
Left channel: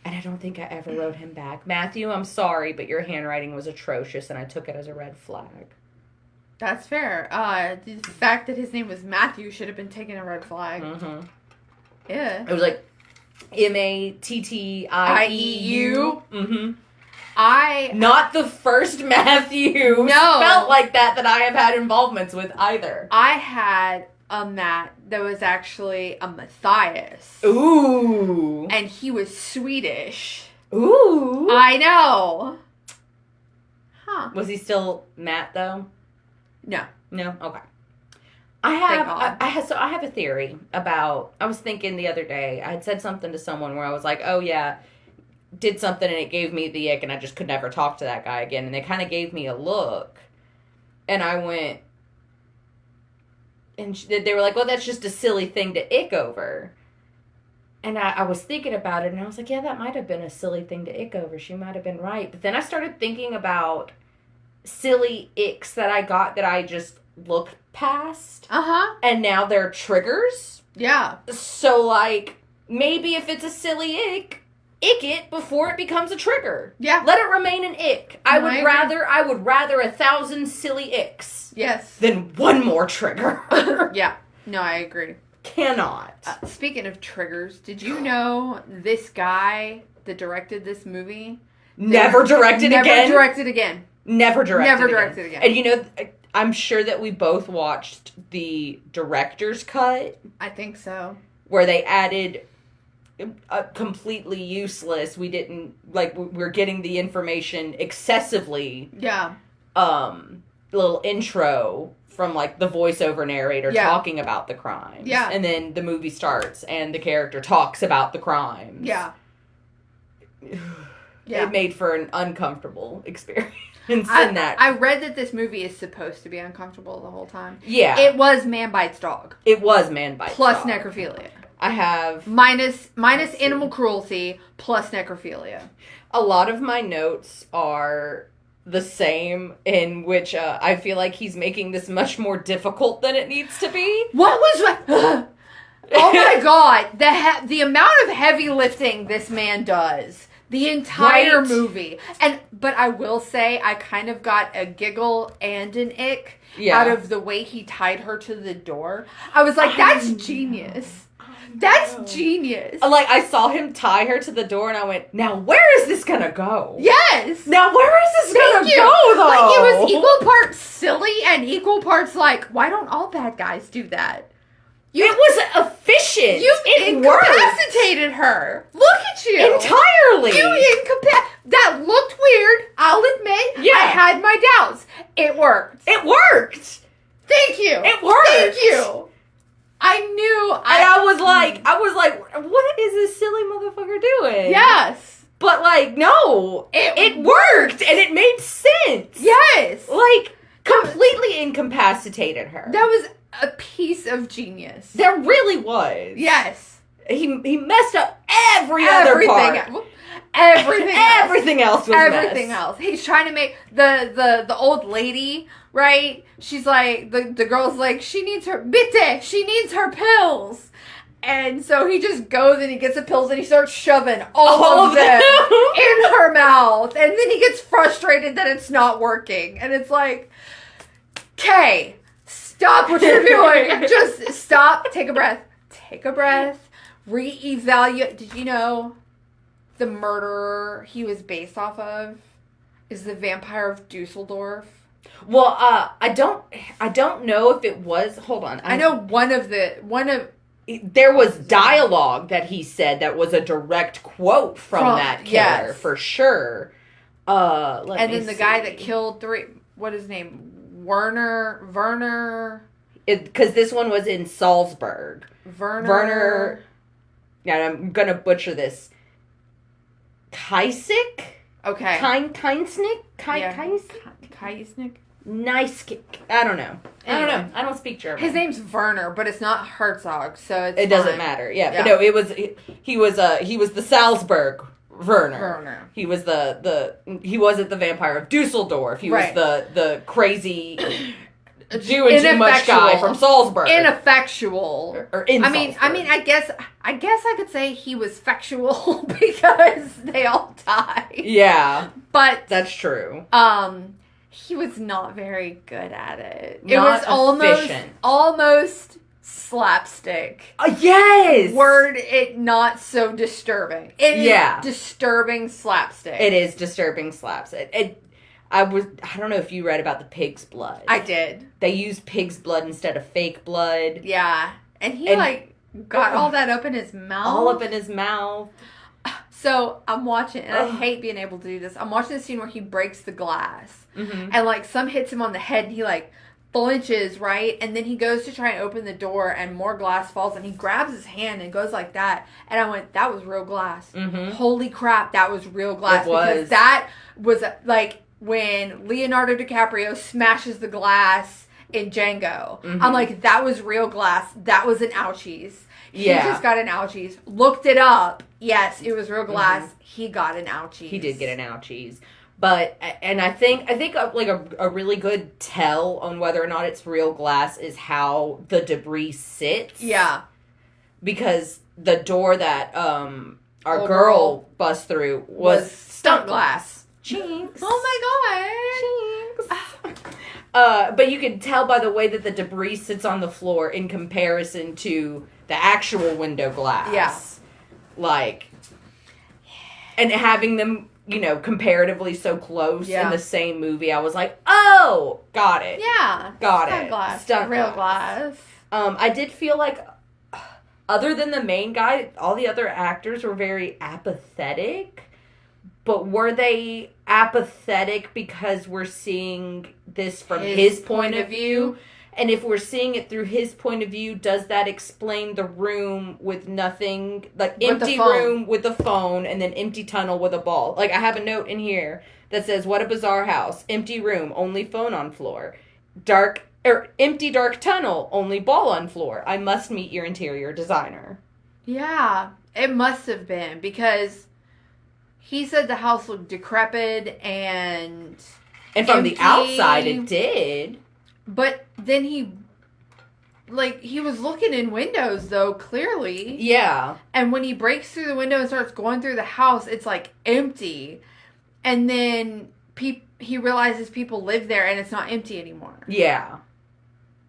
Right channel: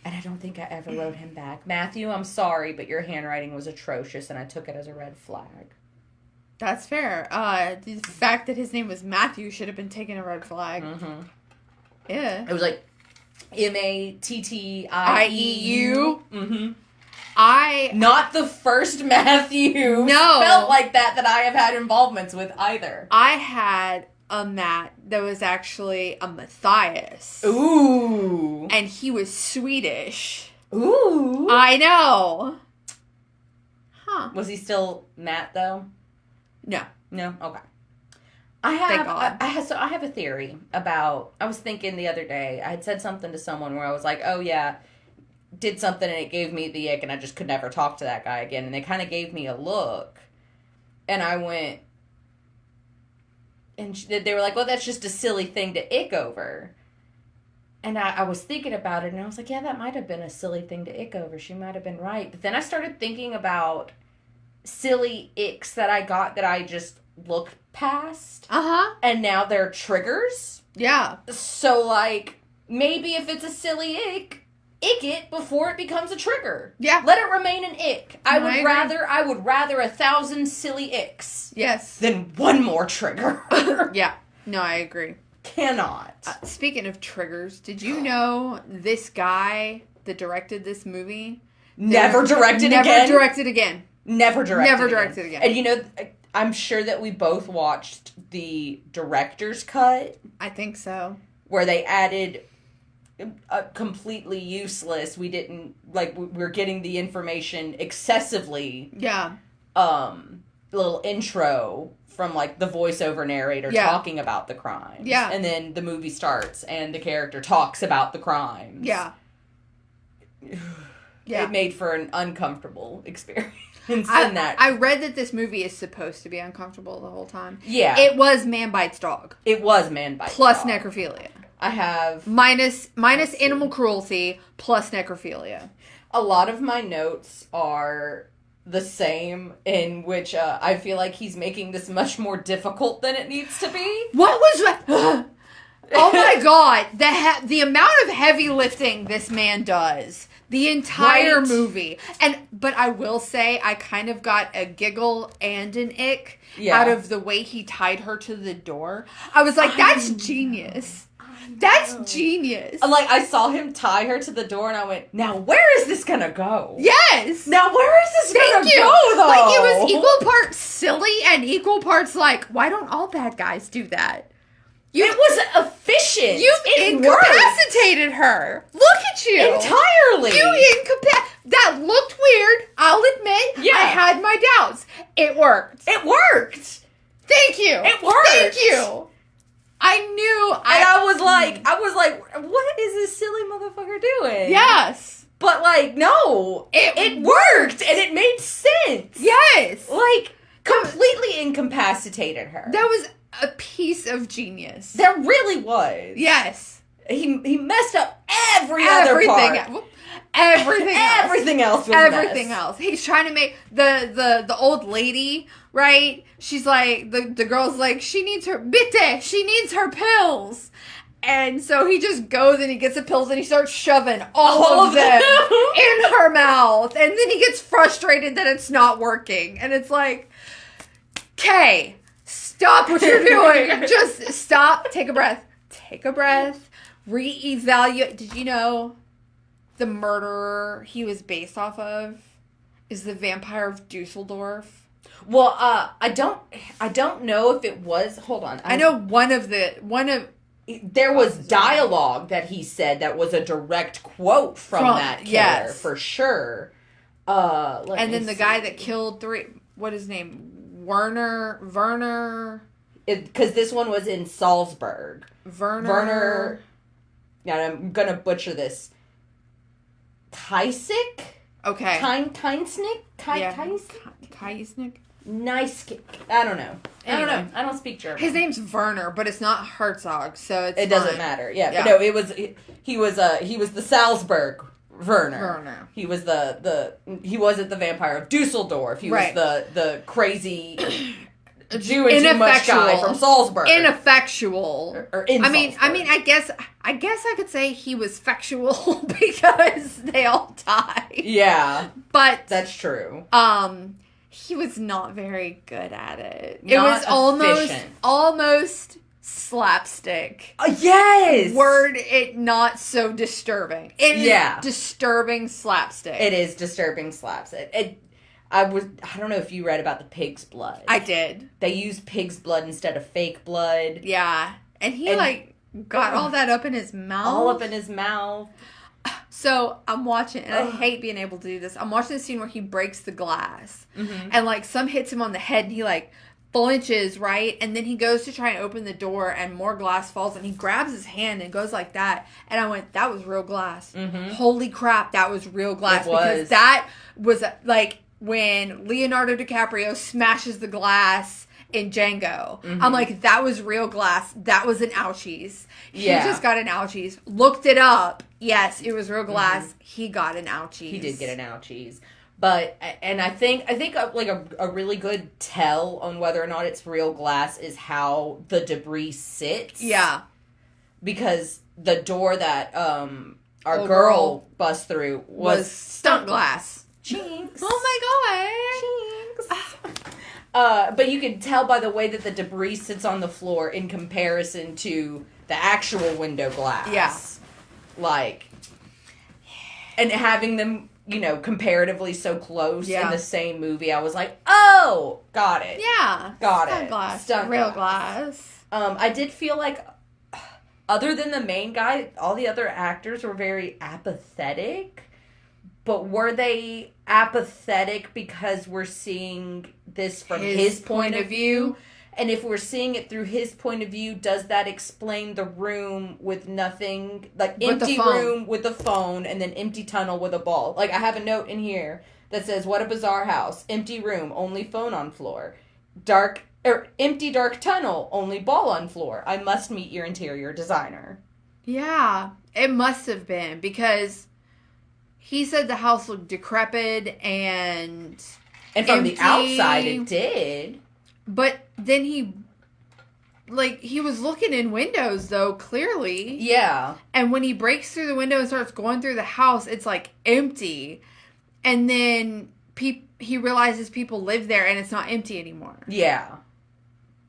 And I don't think I ever wrote him back. Matthew, I'm sorry, but your handwriting was atrocious, and I took it as a red flag. That's fair. The fact that his name was Matthew should have been taken a red flag. Mm-hmm. Yeah. It was like Mattieu. Mm-hmm. Not the first Matthew. No. Felt like that I have had involvements with either. I had a Matt that was actually a Matthias. Ooh. And he was Swedish. Ooh. I know. Huh. Was he still Matt, though? No. No? Okay. I have a theory about, I was thinking the other day, I had said something to someone where I was like, oh yeah, did something and it gave me the ick and I just could never talk to that guy again. And they kind of gave me a look. And I went, and they were like, well, that's just a silly thing to ick over. And I was thinking about it and I was like, yeah, that might have been a silly thing to ick over. She might have been right. But then I started thinking about silly icks that I got that I just looked past. Uh-huh. And now they're triggers. Yeah. So, like, maybe if it's a silly ick it before it becomes a trigger. Yeah. Let it remain an ick. I would agree. rather 1,000 silly icks. Yes. Than one more trigger. Yeah. No, I agree. Cannot. Speaking of triggers, did you know this guy that directed this movie Never directed again? Never directed again. And you know, I'm sure that we both watched the director's cut. I think so. Where they added a completely useless, we didn't, like, we're getting the information excessively. Yeah. Little intro from, like, the voiceover narrator talking about the crimes. Yeah. And then the movie starts and the character talks about the crimes. Yeah. Yeah. It made for an uncomfortable experience. I read that this movie is supposed to be uncomfortable the whole time. Yeah. It was Man Bites Dog. It was Man Bites plus Dog. necrophilia. I have... Minus animal cruelty plus necrophilia. A lot of my notes are the same, in which I feel like he's making this much more difficult than it needs to be. What was that? Oh my God. The amount of heavy lifting this man does. The entire movie. But I will say, I kind of got a giggle and an ick out of the way he tied her to the door. I was like, that's genius. That's genius. Like, I saw him tie her to the door and I went, now where is this gonna go? Yes. Now where is this gonna go, though? Like, it was equal parts silly and equal parts like, why don't all bad guys do that? It was efficient. You incapacitated her. Look at you. Entirely. That looked weird. I'll admit. Yeah. I had my doubts. It worked. It worked. Thank you. It worked. Thank you. I knew. And I was like, what is this silly motherfucker doing? Yes. But, like, no. It worked. And it made sense. Yes. Like, completely incapacitated her. That was a piece of genius. There really was. Yes. he messed up every other part. Everything else was everything else. He's trying to make the old lady, right? She's like, the girl's like, she needs her pills. And so he just goes and he gets the pills and he starts shoving all of them in her mouth. And then he gets frustrated that it's not working. And it's like, Kay, stop what you're doing. Just stop. Take a breath. Reevaluate. Did you know the murderer he was based off of is the vampire of Dusseldorf? Well, I don't know if it was. Hold on. I know one of there was dialogue that he said that was a direct quote from that killer, yes, for sure. And then the guy that killed what is his name? Werner. Because this one was in Salzburg. Werner. Yeah, I'm gonna butcher this. Kaisik? Okay. Keinsnick? Kaisnick? Nice. I don't know. Anyway, I don't speak German. His name's Werner, but it's not Herzog, so it doesn't matter. Yeah, but no, he was the Salzburg Werner. He was he wasn't the vampire of Dusseldorf. He was the crazy doing too much guy from Salzburg. Ineffectual. Or in Salzburg. I guess I could say he was factual because they all died. Yeah. But that's true. He was not very good at it. Not it was efficient. almost slapstick. Yes. Word it not so disturbing. It is disturbing slapstick. It is disturbing slapstick. I don't know if you read about the pig's blood. I did. They used pig's blood instead of fake blood. Yeah. And he got all that up in his mouth. All up in his mouth. So I'm watching, and I hate being able to do this. I'm watching the scene where he breaks the glass. Mm-hmm. And some hits him on the head and he flinches, right? And then he goes to try and open the door and more glass falls and he grabs his hand and goes like that. And I went, that was real glass. Mm-hmm. Holy crap, that was real glass. It was. Because that was when Leonardo DiCaprio smashes the glass in Django. Mm-hmm. I'm like, that was real glass. That was an ouchies. He just got an ouchies. Looked it up. Yes, it was real glass. Mm-hmm. He got an ouchies. He did get an ouchies. But, and I think a really good tell on whether or not it's real glass is how the debris sits. Yeah. Because the door that our girl bust through was stunt glass. Jinx. Oh my god. Jinx. But you can tell by the way that the debris sits on the floor in comparison to the actual window glass. Yeah. And having them, comparatively so close in the same movie, I was like, oh, got it. Yeah. Got stunt it. Glass. Stunt real glass. glass. I did feel like, other than the main guy, all the other actors were very apathetic. But were they apathetic because we're seeing this from his point of view? And if we're seeing it through his point of view, does that explain the room with nothing? Empty room with a phone and then empty tunnel with a ball. I have a note in here that says, what a bizarre house. Empty room, only phone on floor. Empty dark tunnel, only ball on floor. I must meet your interior designer. Yeah, it must have been because he said the house looked decrepit and from empty. The outside it did. But then he was looking in windows, though, clearly. Yeah. And when he breaks through the window and starts going through the house, it's, empty. And then he realizes people live there and it's not empty anymore. Yeah.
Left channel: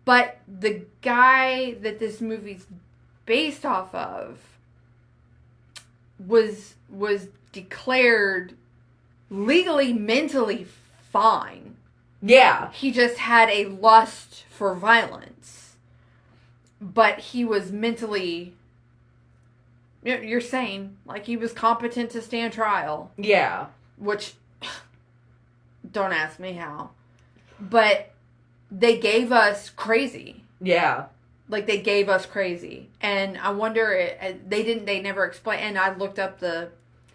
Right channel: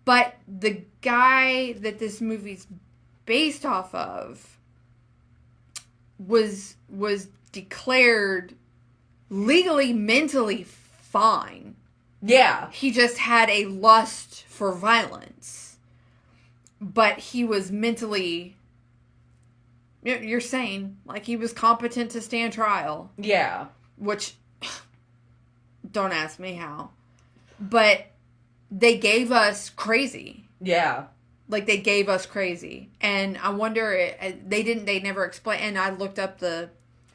But the guy that this movie's based off of was declared legally, mentally fine. Yeah. He just had a lust for violence. But he was mentally, you're saying, he was competent to stand trial. Yeah. Which, don't ask me how. But they gave us crazy. Yeah. They gave us crazy. And I wonder, they never explained, and I looked up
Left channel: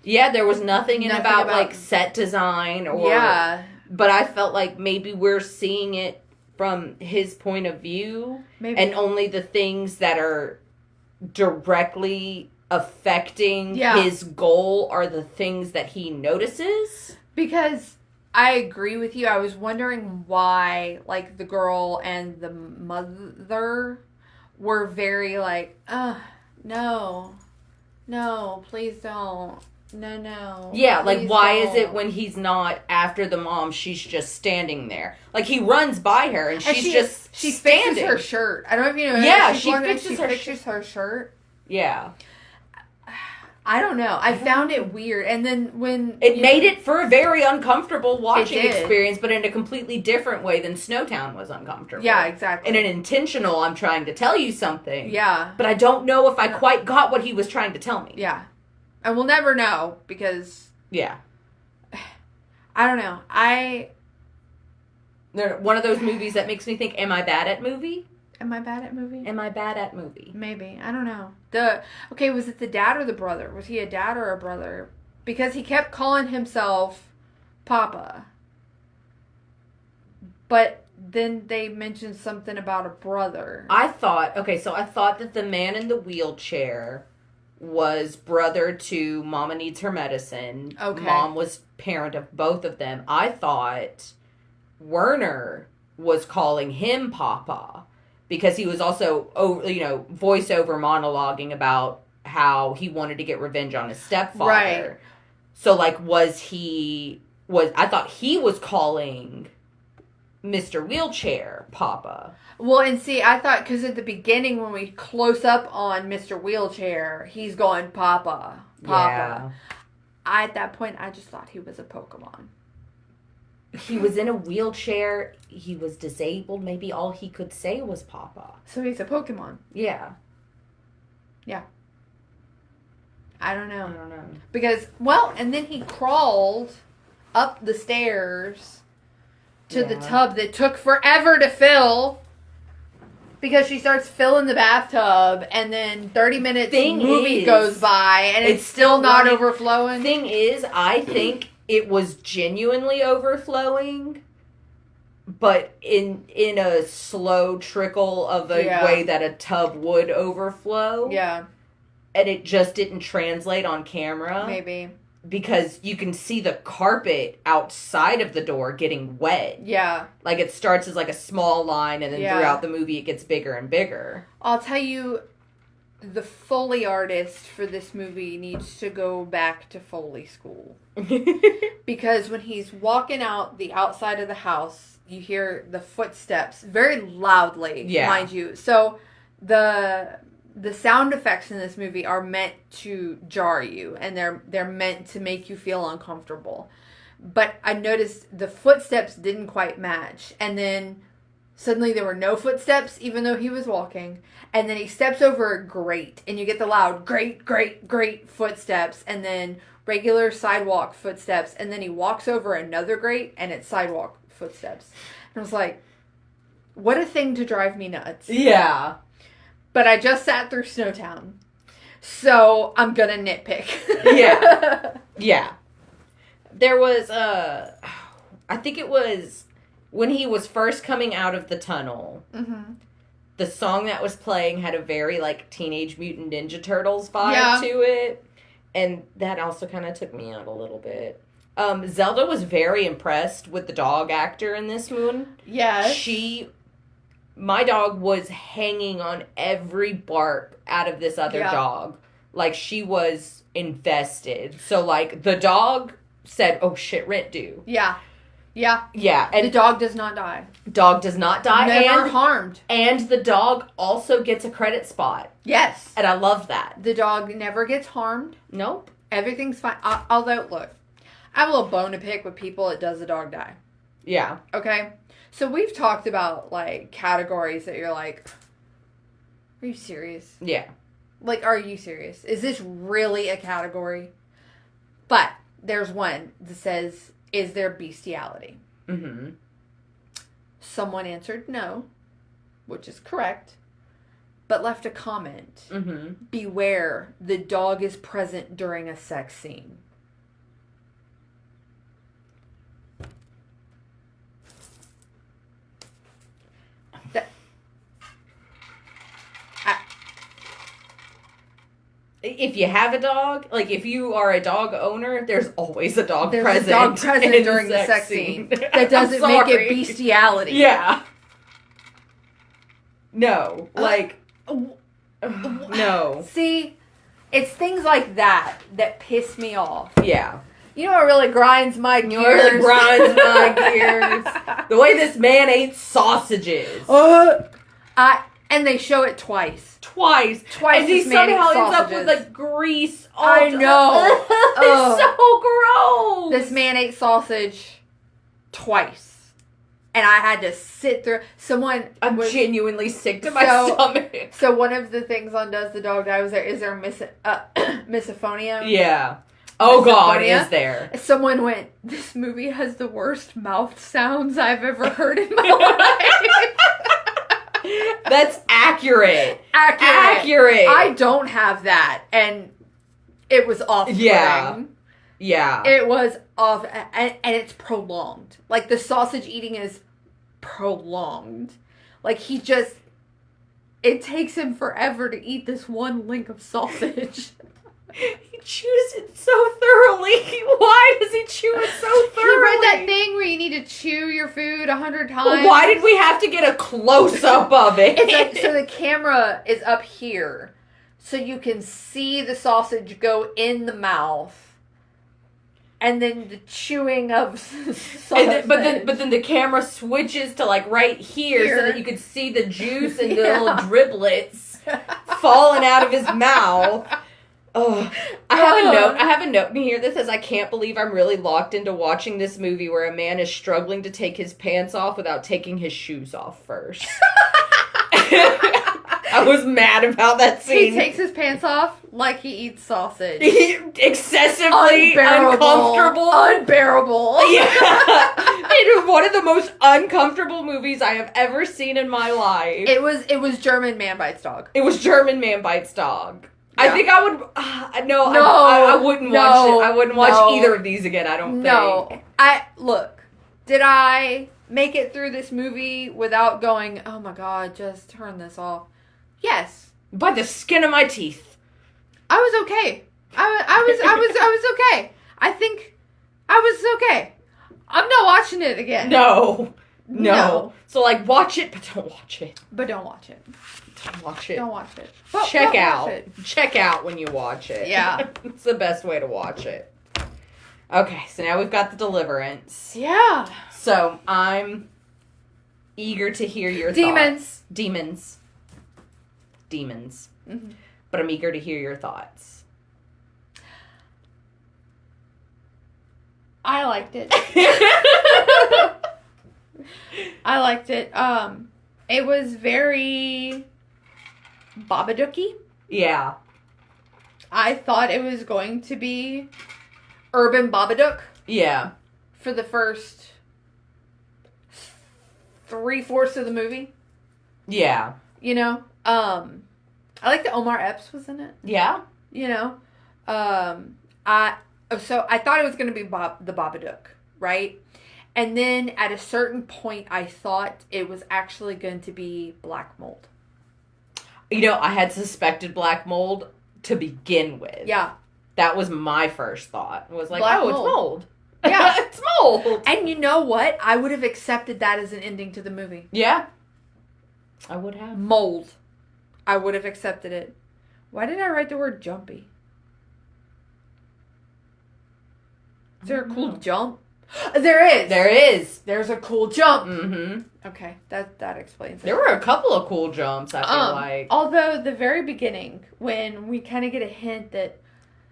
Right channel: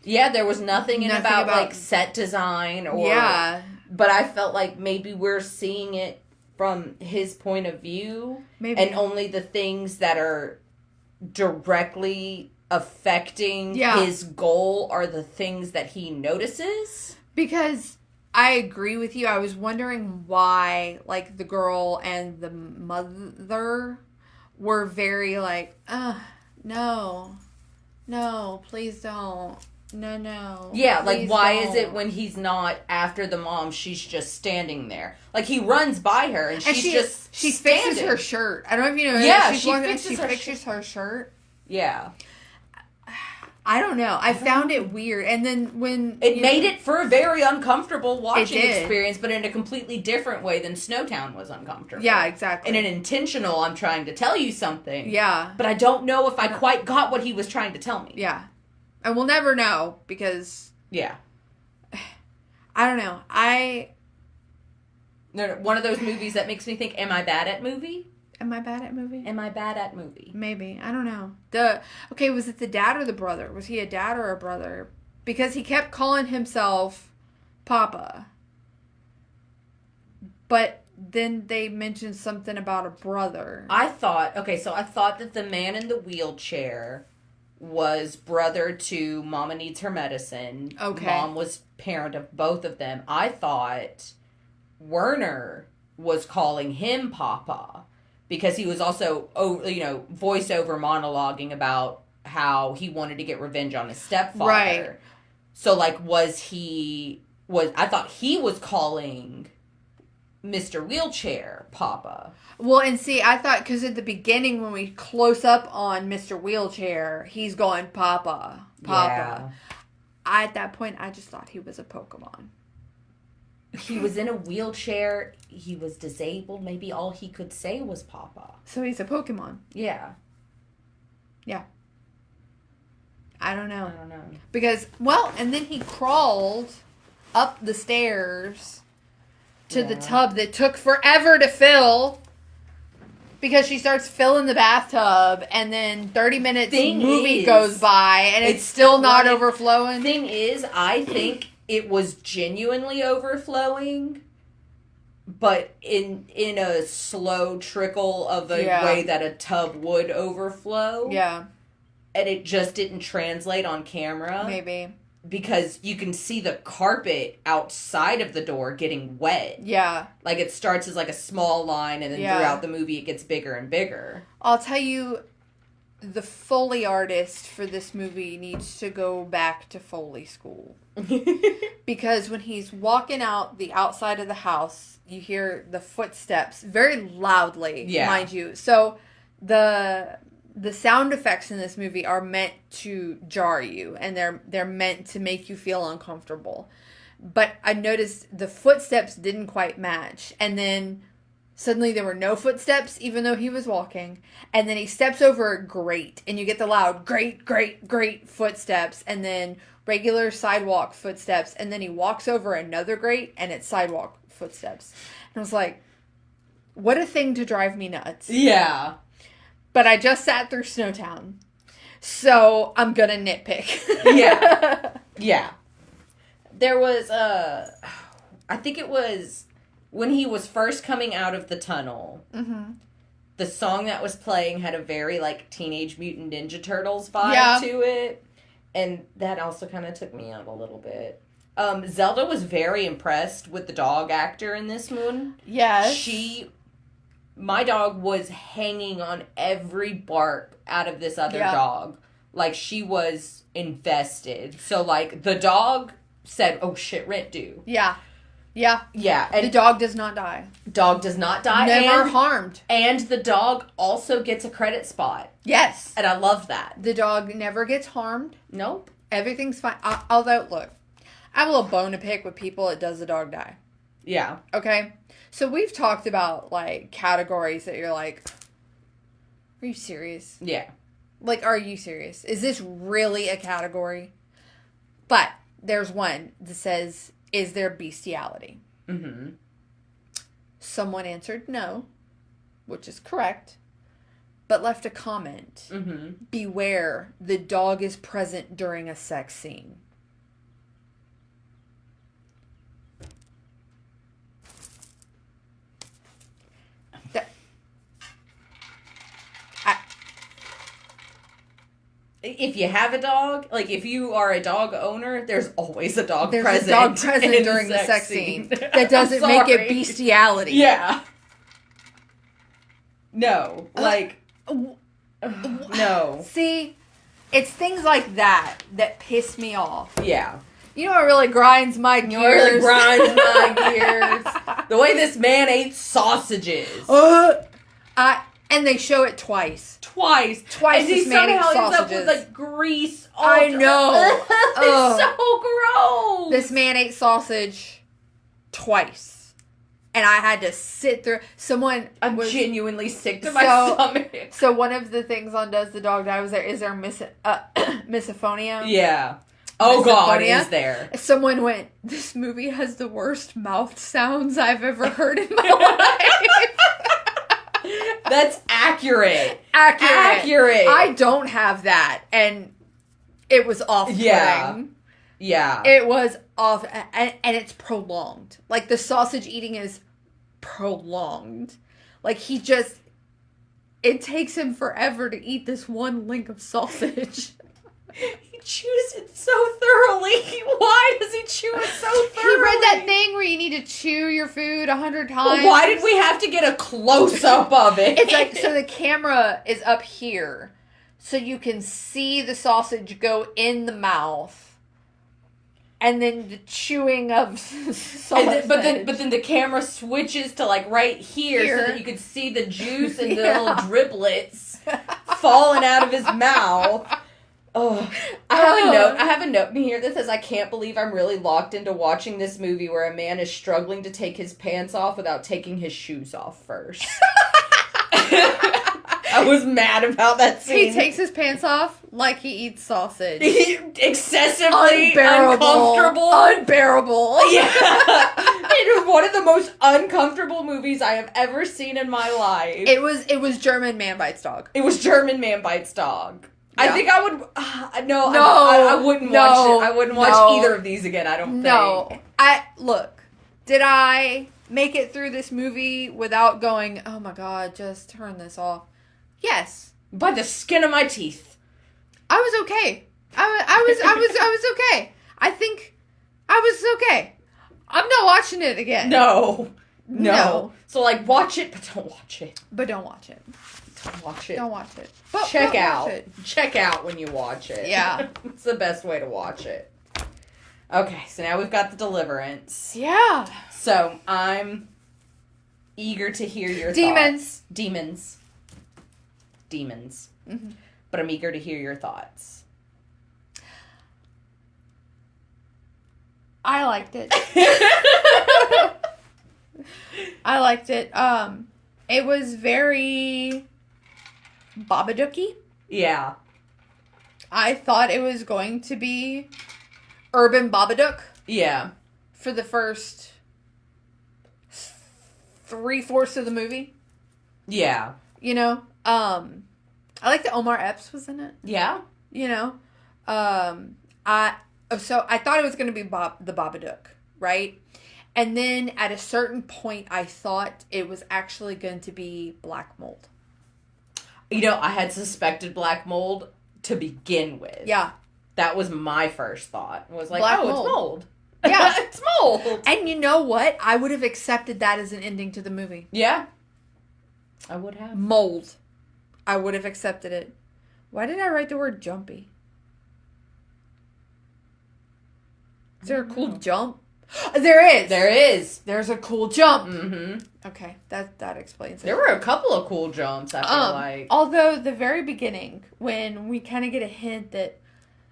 Yeah, there was nothing about set design or... Yeah. But I felt like maybe we're seeing it from his point of view. Maybe. And only the things that are directly affecting his goal are the things that he notices. Because I agree with you. I was wondering why, like, the girl and the mother were very like, no, please don't. No. Yeah, like, why is it when he's not after the mom, she's just standing there? Like, he runs by her, and she's just She standing. fixes her shirt. I don't know if you know. Yeah, she fixes her shirt. Yeah. I don't know. I found it weird. And then when... It made it for a very uncomfortable watching experience, but in a completely different way than Snowtown was uncomfortable. Yeah, exactly. In an intentional, I'm trying to tell you something. Yeah. But I don't know if I quite got what he was trying to tell me. Yeah. And we'll never know, because... Yeah. I don't know. One of those movies that makes me think, am I bad at movie? Am I bad at movie? Am I bad at movie? Maybe. I don't know. Okay, was it the dad or the brother? Was he a dad or a brother? Because he kept calling himself Papa. But then they mentioned something about a brother. I thought that the man in the wheelchair was brother to Mama Needs Her Medicine. Okay. Mom was parent of both of them. I thought Werner was calling him Papa because he was also, voiceover monologuing about how he wanted to get revenge on his stepfather. Right. So, like, I thought he was calling Mr. Wheelchair Papa. Well, and see, I thought, because at the beginning when we close up on Mr. Wheelchair, he's going, Papa. Yeah. At that point, I just thought he was a Pokemon. He was in a wheelchair. He was disabled. Maybe all he could say was Papa. So he's a Pokemon. Yeah. Yeah. I don't know. Because, and then he crawled up the stairs to the tub that took forever to fill. Because she starts filling the bathtub, and then 30 minutes goes by, and it's still not overflowing. Thing is, I think it was genuinely overflowing, but in a slow trickle of the way that a tub would overflow. Yeah. And it just didn't translate on camera. Maybe. Because you can see the carpet outside of the door getting wet. Yeah. Like, it starts as, like, a small line, and then throughout the movie it gets bigger and bigger. I'll tell you, the Foley artist for this movie needs to go back to Foley school. Because when he's walking out the outside of the house, you hear the footsteps very loudly, mind you. So, the sound effects in this movie are meant to jar you, and they're meant to make you feel uncomfortable. But I noticed the footsteps didn't quite match, and then suddenly there were no footsteps, even though he was walking, and then he steps over a grate, and you get the loud grate footsteps, and then regular sidewalk footsteps, and then he walks over another grate, and it's sidewalk footsteps. And I was like, what a thing to drive me nuts. Yeah. But I just sat through Snowtown, so I'm gonna nitpick. Yeah. There was, I think it was when he was first coming out of the tunnel. Mm-hmm. The song that was playing had a very, like, Teenage Mutant Ninja Turtles vibe to it. And that also kind of took me out a little bit. Zelda was very impressed with the dog actor in this one. Yes. My dog was hanging on every bark out of this other dog. Like, she was invested. So, like, the dog said, oh, shit, rent due. Yeah. Yeah. Yeah. And the dog does not die. Dog does not die. Never harmed. And the dog also gets a credit spot. Yes. And I love that. The dog never gets harmed. Nope. Everything's fine. Although, look, I have a little bone to pick with people that does the dog die. Yeah. Okay? So we've talked about, like, categories that you're like, are you serious? Yeah. Like, are you serious? Is this really a category? But there's one that says, is there bestiality? Mm-hmm. Someone answered no, which is correct, but left a comment. Mm-hmm. Beware, the dog is present during a sex scene. if you have a dog, like if you are a dog owner, there's always a dog There's present. a dog present during the sex scene. That doesn't make it bestiality. Yeah. No. Like, no. See, it's things like that that piss me off. Yeah. You know what really grinds my gears? You know what really grinds my gears? The way this man ate sausages. And they show it twice. Twice. And he somehow ends up with, like, grease. I know. It's so gross. This man ate sausage twice. And I had to sit through. I'm genuinely sick to my stomach. So one of the things on Does the Dog Die was there, is there misophonia? Yeah. Oh, God, is there. Someone went, this movie has the worst mouth sounds I've ever heard in my life. That's accurate. Accurate. I don't have that. And it was off-putting. Yeah. It was off, and it's prolonged. Like, the sausage eating is prolonged. Like, it takes him forever to eat this one link of sausage. He chews it so thoroughly. Why does he chew it so thoroughly? He read that thing where you need to chew your food 100 times. Well, why did we have to get a close-up of it? So the camera is up here, so you can see the sausage go in the mouth. And then the chewing of sausage. But then the camera switches to like right here so that you could see the juice and the little driblets falling out of his mouth. Oh, I have a note in here that says, I can't believe I'm really locked into watching this movie where a man is struggling to take his pants off without taking his shoes off first. I was mad about that scene. He takes his pants off like he eats sausage. Excessively uncomfortable. Unbearable. Yeah. It was one of the most uncomfortable movies I have ever seen in my life. It was German Man Bites Dog. It was German Man Bites Dog. Yeah. I think I would... I wouldn't watch it. I wouldn't watch either of these again, I don't think. Look, did I make it through this movie without going, oh my God, just turn this off? Yes. By the skin of my teeth. I was okay. I was okay. I think I was okay. I'm not watching it again. No. So, like, watch it, but don't watch it. Don't watch it. Don't watch it. But check out. Check out when you watch it. Yeah. It's the best way to watch it. Okay, so now we've got The Deliverance. Yeah. So, I'm eager to hear your thoughts. Demons. Mm-hmm. But I'm eager to hear your thoughts. I liked it. I liked it. It was very Babadooky. Yeah. I thought it was going to be Urban Babadook. Yeah. For the first 3/4 of the movie. Yeah. You know? I like that Omar Epps was in it. Yeah. You know? I thought it was going to be the Babadook, right? And then at a certain point, I thought it was actually going to be black mold. You know, I had suspected black mold to begin with. Yeah. That was my first thought. It was like, black mold. It's mold. Yeah. It's mold. And you know what? I would have accepted that as an ending to the movie. Yeah. I would have. Mold. I would have accepted it. Why did I write the word jumpy? Is there a cool jump? There is. There is. There's a cool jump. Mm-hmm. Okay, that explains it. There were a couple of cool jumps, I feel like. Although, the very beginning, when we kind of get a hint that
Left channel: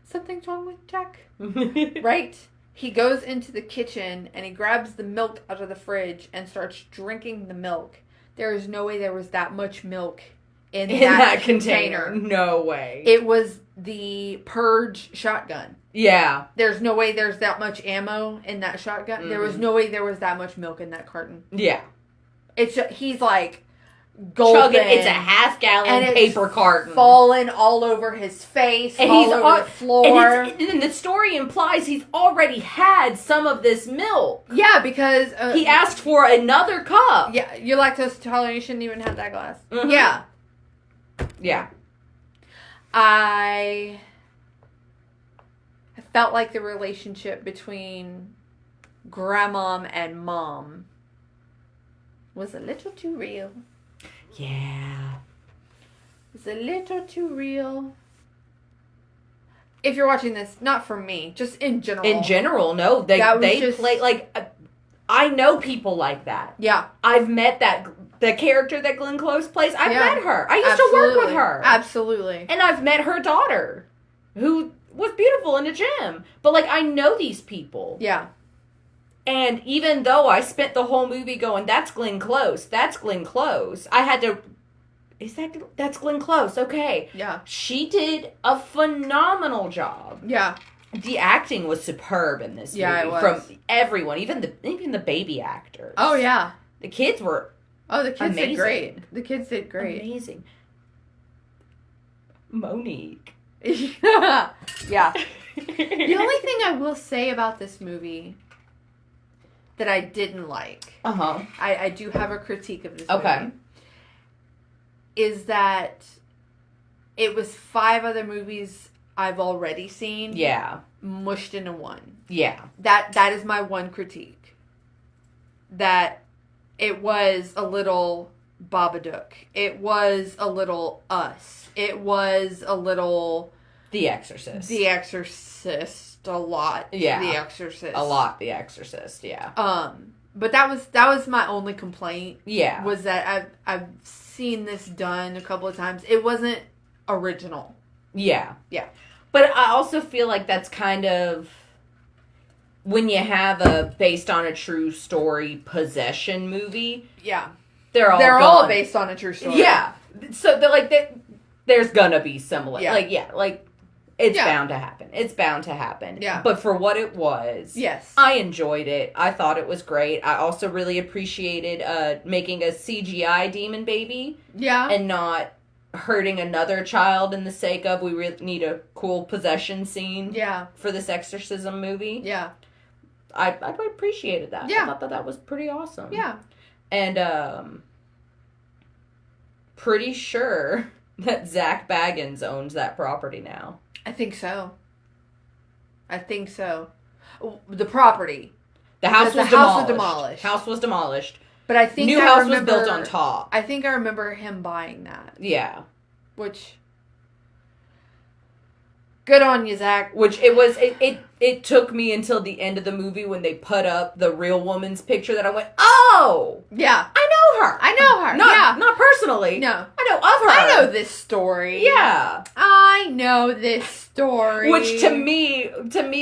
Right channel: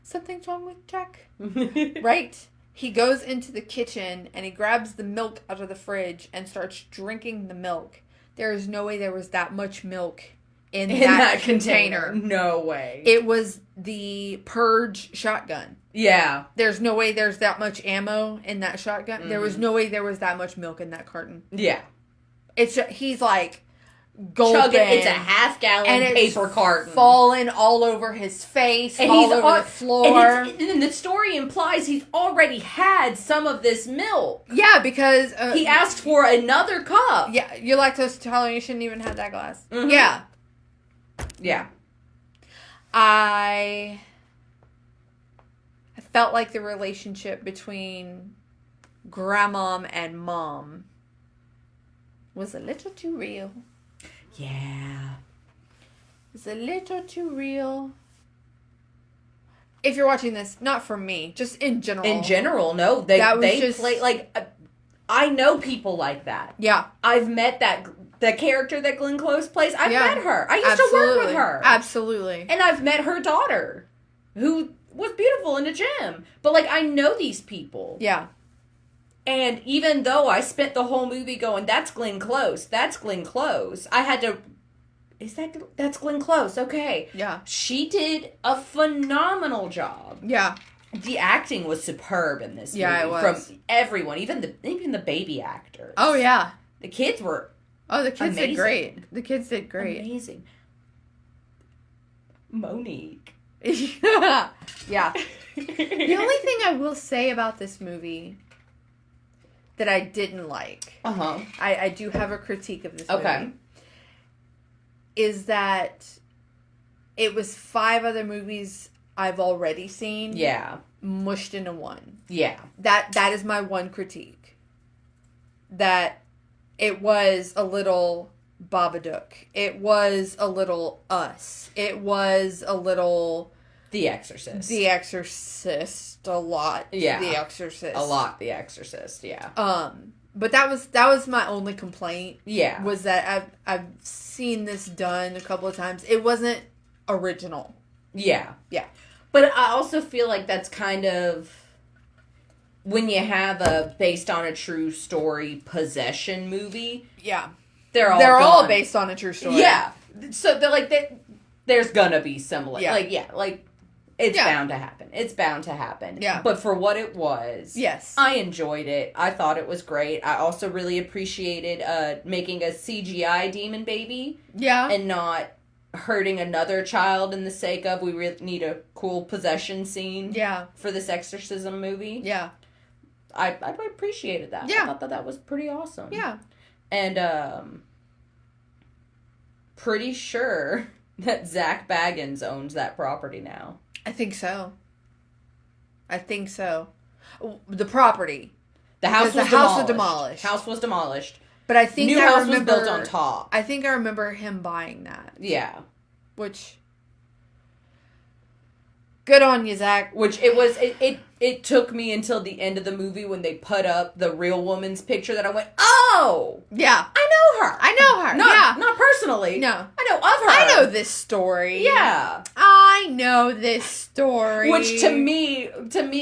something's wrong with Jack, right? He goes into the kitchen and he grabs the milk out of the fridge and starts drinking the milk. There is no way there was that much milk in that container. No way. It was the Purge shotgun. Yeah. There's no way there's that much ammo in that shotgun. Mm-hmm. There was no way there was that much milk in that carton. Yeah. He's like gulping. It's a half-gallon paper carton. Falling all over his face, and all over the floor. And the story implies he's already had some of this milk. Yeah, because... he asked for another cup. Yeah, you're lactose intolerant, you shouldn't even have that glass. Mm-hmm. Yeah. Yeah. I felt like the relationship between grandmom and mom was a little too real. Yeah. It was a little too real. If you're watching this, not for me, just in general. In general, no. They play, like, I know people like that. Yeah. I've met the character that Glenn Close plays. I've met her. I used to work with her. Absolutely. And I've met her daughter, who was beautiful in the gym. But, like, I know these people. Yeah. And even though I spent the whole movie going, that's Glenn Close, that's Glenn Close, I had to... That's Glenn Close, okay. Yeah. She did a phenomenal job. Yeah. The acting was superb in this movie. Yeah, it was. From everyone, even the baby actors. Oh, yeah. The kids were the kids amazing. did great. The kids did great. Amazing. Monique. Yeah. Yeah. The only thing I will say about this movie that I didn't like, I do have a critique of this movie, is that it was 5 other movies I've already seen. Yeah. Mushed into one. Yeah. That is my one critique. That it was a little Babadook. It was a little Us. It was a little... The Exorcist. The Exorcist. A lot. Yeah. The Exorcist. A lot The Exorcist, yeah. But that was my only complaint. Yeah. Was that I've seen this done a couple of times. It wasn't original. Yeah. Yeah. But I also feel like that's kind of when you have a based on a true story possession movie. Yeah. They're all based on a true story. Yeah. So they're like there's gonna be similar. Yeah. It's bound to happen. It's bound to happen. Yeah. But for what it was, yes, I enjoyed it. I thought it was great. I also really appreciated making a CGI demon baby. Yeah. And not hurting another child in the sake of we really need a cool possession scene. Yeah. For this exorcism movie. Yeah. I appreciated that. Yeah. I thought that was pretty awesome. Yeah. And pretty sure that Zach Baggins owns that property now. I think so. The property. The house was demolished. House was demolished. But I think new house was built on top. I think I remember him buying that. Yeah. Which, good on you, Zach. Which it took me until the end of the movie when they put up the real woman's picture that I went, oh! Yeah. I know her. Not personally. No. I know of her. I know this story. Yeah. I know this story. Which to me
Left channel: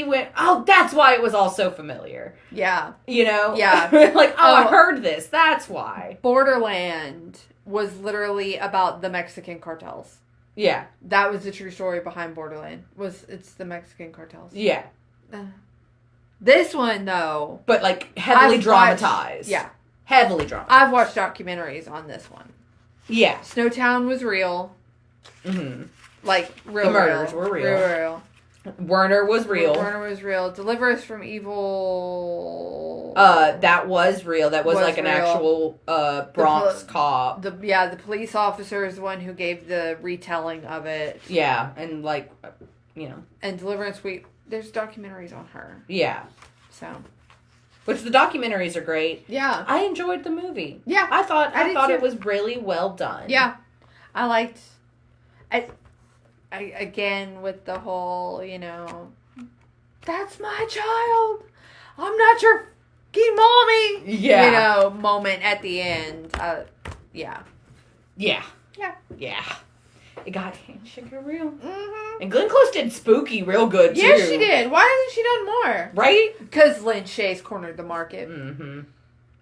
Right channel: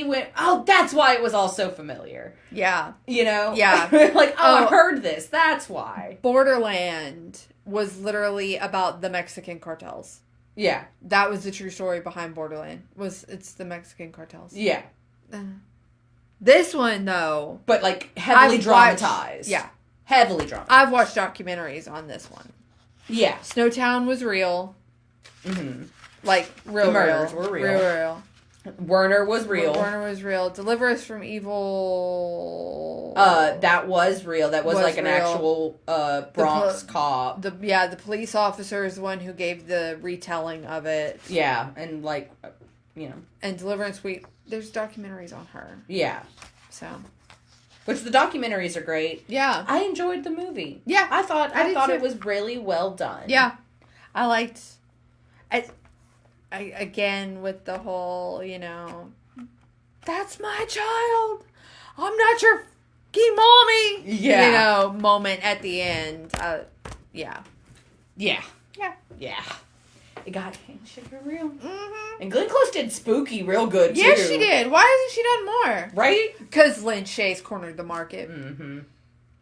went, oh, that's why it was all so familiar. Yeah. You know? Yeah. Like, I heard this. That's why. Borderland was literally about the Mexican cartels. Yeah. That was the true story behind Borderland. It's the Mexican cartels. Yeah. This one, though. But, like, heavily dramatized. Yeah. Heavily dramatized. I've watched documentaries on this one. Yeah. Snowtown was real. Mm-hmm. Like, real. The murders were real. Real. Werner was real. Deliver Us from Evil. That was real. That was like an real. Actual Bronx cop. The police officer is the one who gave the retelling of it. Yeah, and like, And Deliverance Week, there's documentaries on her. Yeah. So. Which the documentaries are great. Yeah. I enjoyed the movie. Yeah. I thought it was really well done. Yeah. I liked... I again, with the whole, that's my child. I'm not your fucking mommy. Yeah. Moment at the end. Yeah. Yeah. Yeah. Yeah. It got sugar real. Mm-hmm. And Glenn Close did spooky real good, too. Yes, she did. Why hasn't she done more? Right? Because Lynn Shay's cornered the market. Mm-hmm.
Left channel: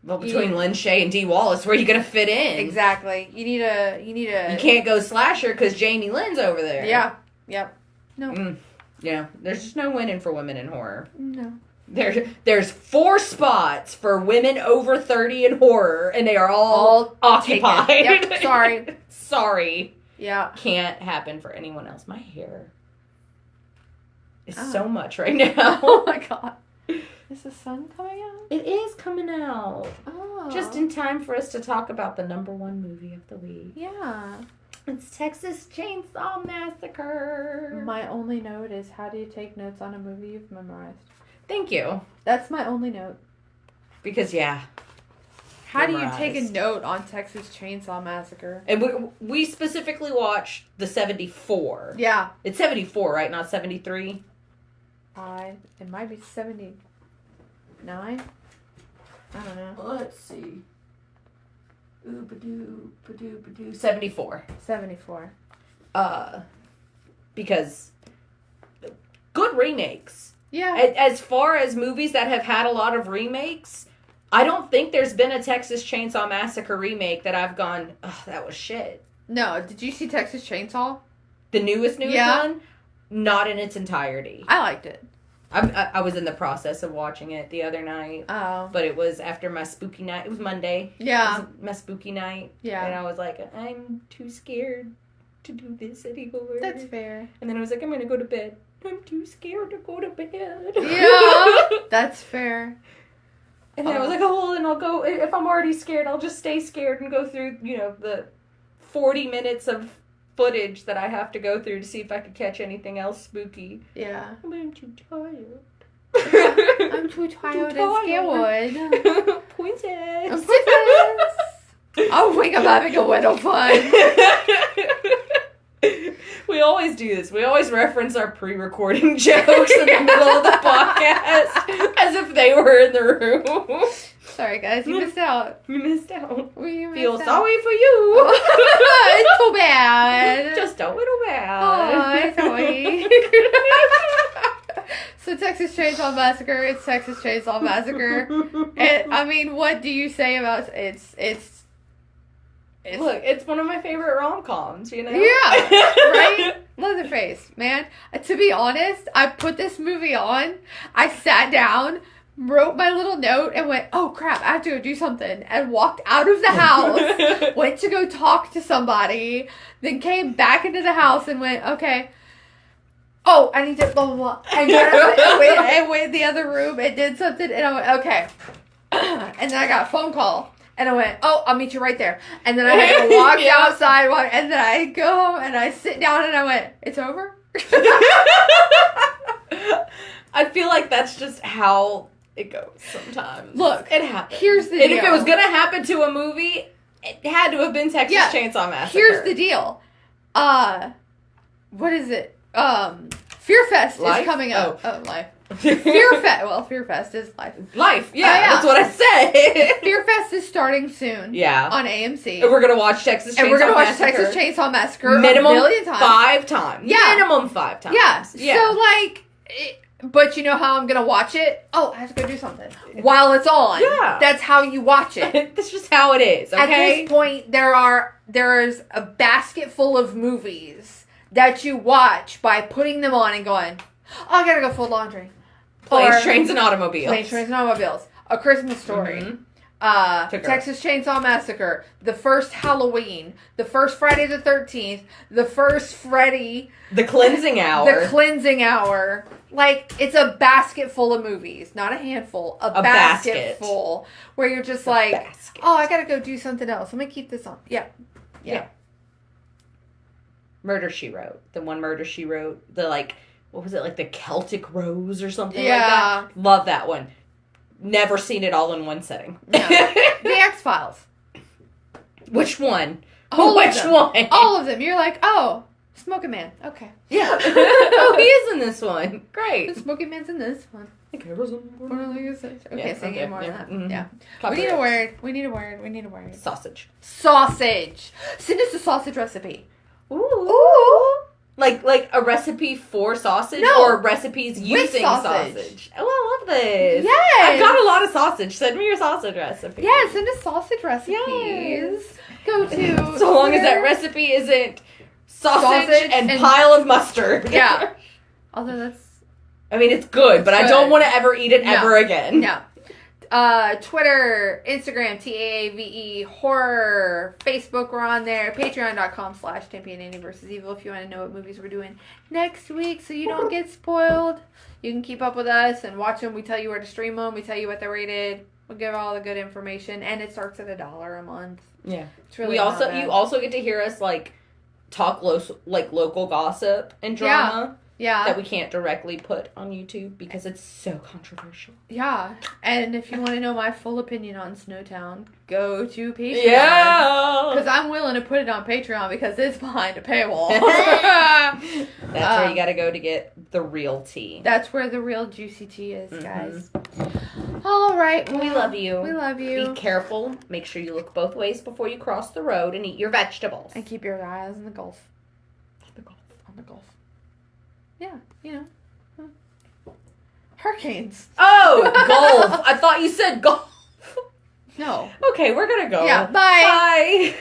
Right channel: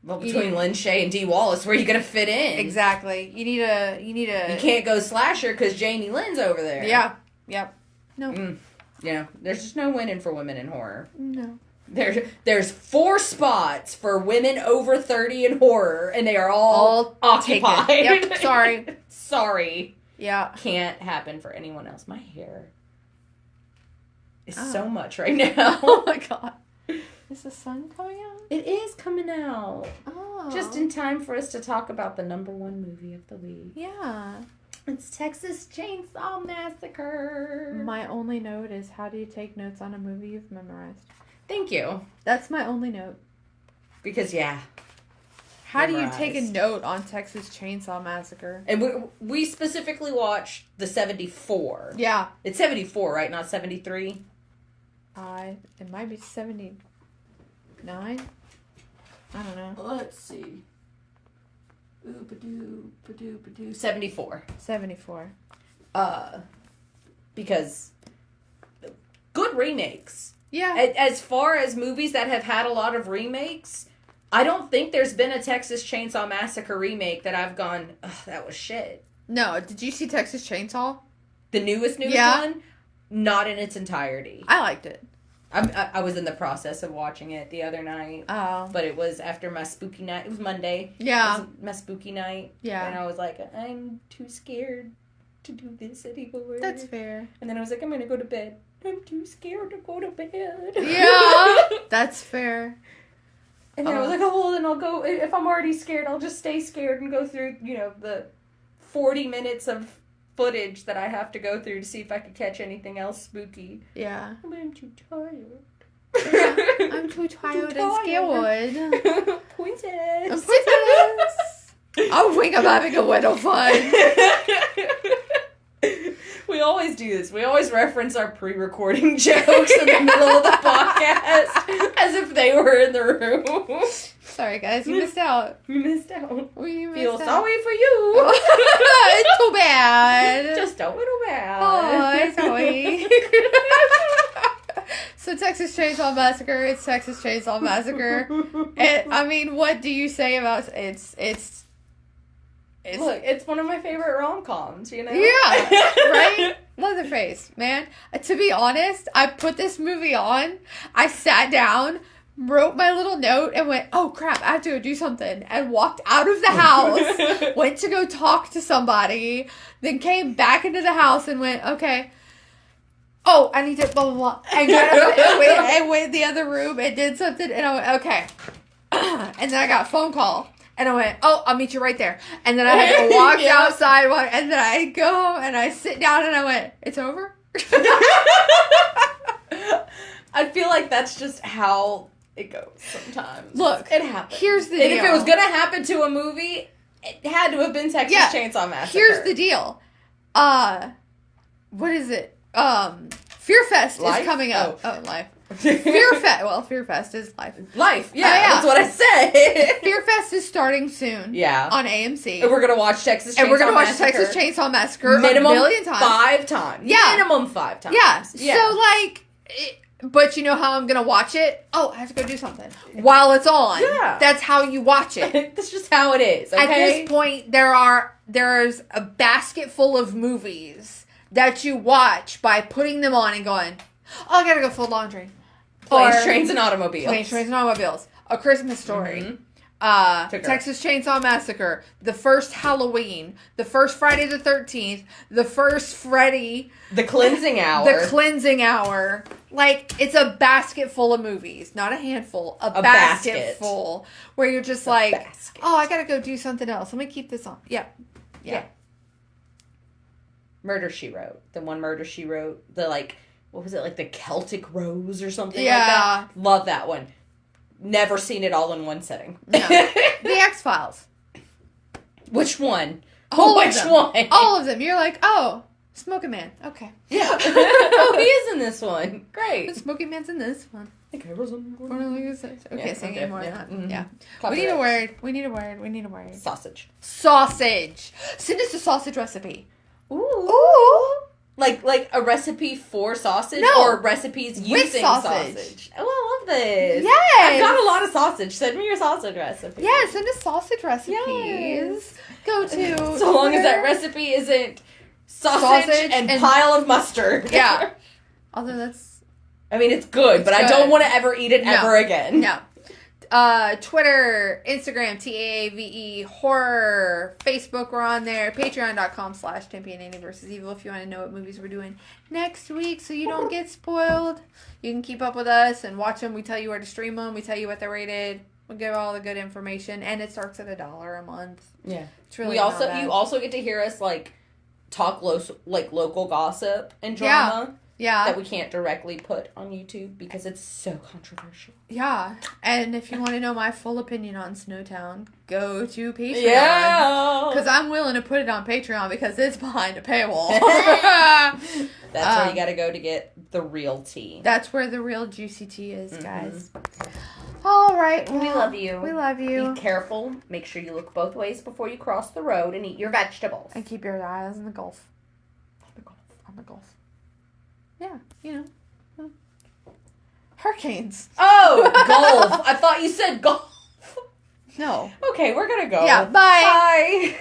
Well, between Lynn Shay and Dee Wallace, where are you going to fit in? Exactly. You need a... You can't go slasher because Jamie Lynn's over there. Yeah. Yep. No. There's just no winning for women in horror. No. There's 4 spots for women over 30 in horror, and they are all occupied. Yep. Sorry. Yeah. Can't happen for anyone else. My hair is so much right now. Oh my god. Is the sun coming out? It is coming out. Oh. Just in time for us to talk about the #1 movie of the week. Yeah. It's Texas Chainsaw Massacre. My only note is, how do you take notes on a movie you've memorized? Thank you. That's my only note. Because, yeah. How do you take a note on Texas Chainsaw Massacre? And we specifically watched the 74. Yeah. It's 74, right? Not 73? It might be 79. I don't know. Let's see. 74. 74. Because good remakes. Yeah. As far as movies that have had a lot of remakes, I don't think there's been a Texas Chainsaw Massacre remake that I've gone, oh, that was shit. No, did you see Texas Chainsaw? The newest one? Not in its entirety. I liked it. I was in the process of watching it the other night. Oh. But it was after my spooky night. It was Monday. Yeah. It was my spooky night. Yeah. And I was like, I'm too scared to do this anymore. That's fair. And then I was like, I'm going to go to bed. I'm too scared to go to bed. Yeah. That's fair. And then I was like, oh, well, then I'll go. If I'm already scared, I'll just stay scared and go through, the 40 minutes of footage that I have to go through to see if I could catch anything else spooky. Yeah. I'm too tired. I'm too tired and scared. Pointless. I think I'm having a little fun. We always do this. We always reference our pre-recording jokes in the middle of the podcast as if they were in the room. Sorry, guys. You missed out. You missed out. Feel sorry for you. It's too bad. Just a little bad. Oh, sorry. So Texas Chainsaw Massacre, it's Texas Chainsaw Massacre. What do you say about it's Look, it's one of my favorite rom-coms, Yeah, right? Leatherface, man. To be honest, I put this movie on, I sat down, wrote my little note, and went, oh crap, I have to go do something, and walked out of the house, went to go talk to somebody, then came back into the house and went, okay, oh, I need to blah, blah, blah. And I went in the other room and did something, and I went, okay. And then I got a phone call. And I went, oh, I'll meet you right there. And then I had to walk outside, and then I go home, and I sit down, and I went, it's over? I feel like that's just how it goes sometimes. Look, it happens. Here's the deal. And if it was going to happen to a movie, it had to have been Texas Chainsaw Massacre. Here's the deal. What is it? Fear Fest is coming up. Oh, Life. Fear Fest is life. Life, yeah, that's what I said. Fear Fest is starting soon. Yeah. On AMC. And we're going to watch Texas Chainsaw Massacre minimum a million times. 5 times. Yeah. Minimum 5 times. Yeah. So, but you know how I'm going to watch it? Oh, I have to go do something. While it's on. Yeah. That's how you watch it. That's just how it is, okay? At this point, there's a basket full of movies that you watch by putting them on and going, oh, I got to go fold laundry. Planes, Trains, and Automobiles. Planes, Trains, and Automobiles. A Christmas Story. Mm-hmm. Texas Chainsaw Massacre. The first Halloween. The first Friday the 13th. The first Freddy. The Cleansing Hour. The Cleansing Hour. It's a basket full of movies. Not a handful. A basket full. Where you're just basket. Oh, I gotta go do something else. Let me keep this on. Yeah. Murder, She Wrote. The one Murder, She Wrote. The what was it, the Celtic Rose or something like that? Love that one. Never seen it all in one setting. No. The X-Files. Which one? Which one? All of them. You're like, oh, Smoking Man. Okay. Yeah. Oh, he is in this one. Great. The Smoking Man's in this one. Okay, say any more than that. Mm-hmm. Yeah. We need a word. Sausage. Send us a sausage recipe. Ooh. Like a recipe for sausage or recipes using sausage. Oh, I love this. Yes. I've got a lot of sausage. Send me your sausage recipe. Yeah, send us sausage recipes. Yes. Go to... So long as that recipe isn't sausage and pile of mustard. Yeah. Although that's... it's good, but I don't want to ever eat it ever again. No. Twitter, Instagram, TAAVE, horror, Facebook, we're on there, patreon.com/Champion Annie vs. Evil if you want to know what movies we're doing next week so you don't get spoiled. You can keep up with us and watch them. We tell you where to stream them. We tell you what they're rated. We'll give all the good information, and it starts at $1 a month. Yeah. It's really you also get to hear us talk local gossip and drama. Yeah. That we can't directly put on YouTube because it's so controversial. Yeah. And if you want to know my full opinion on Snowtown, go to Patreon. Yeah. Because I'm willing to put it on Patreon because it's behind a paywall. That's where you gotta go to get the real tea. That's where the real juicy tea is, guys. All right. Well, we love you. We love you. Be careful. Make sure you look both ways before you cross the road and eat your vegetables. And keep your eyes on the Gulf. On the Gulf. Yeah, you know. Hurricanes. Oh, golf. I thought you said golf. No. Okay, we're gonna go. Yeah, bye. Bye.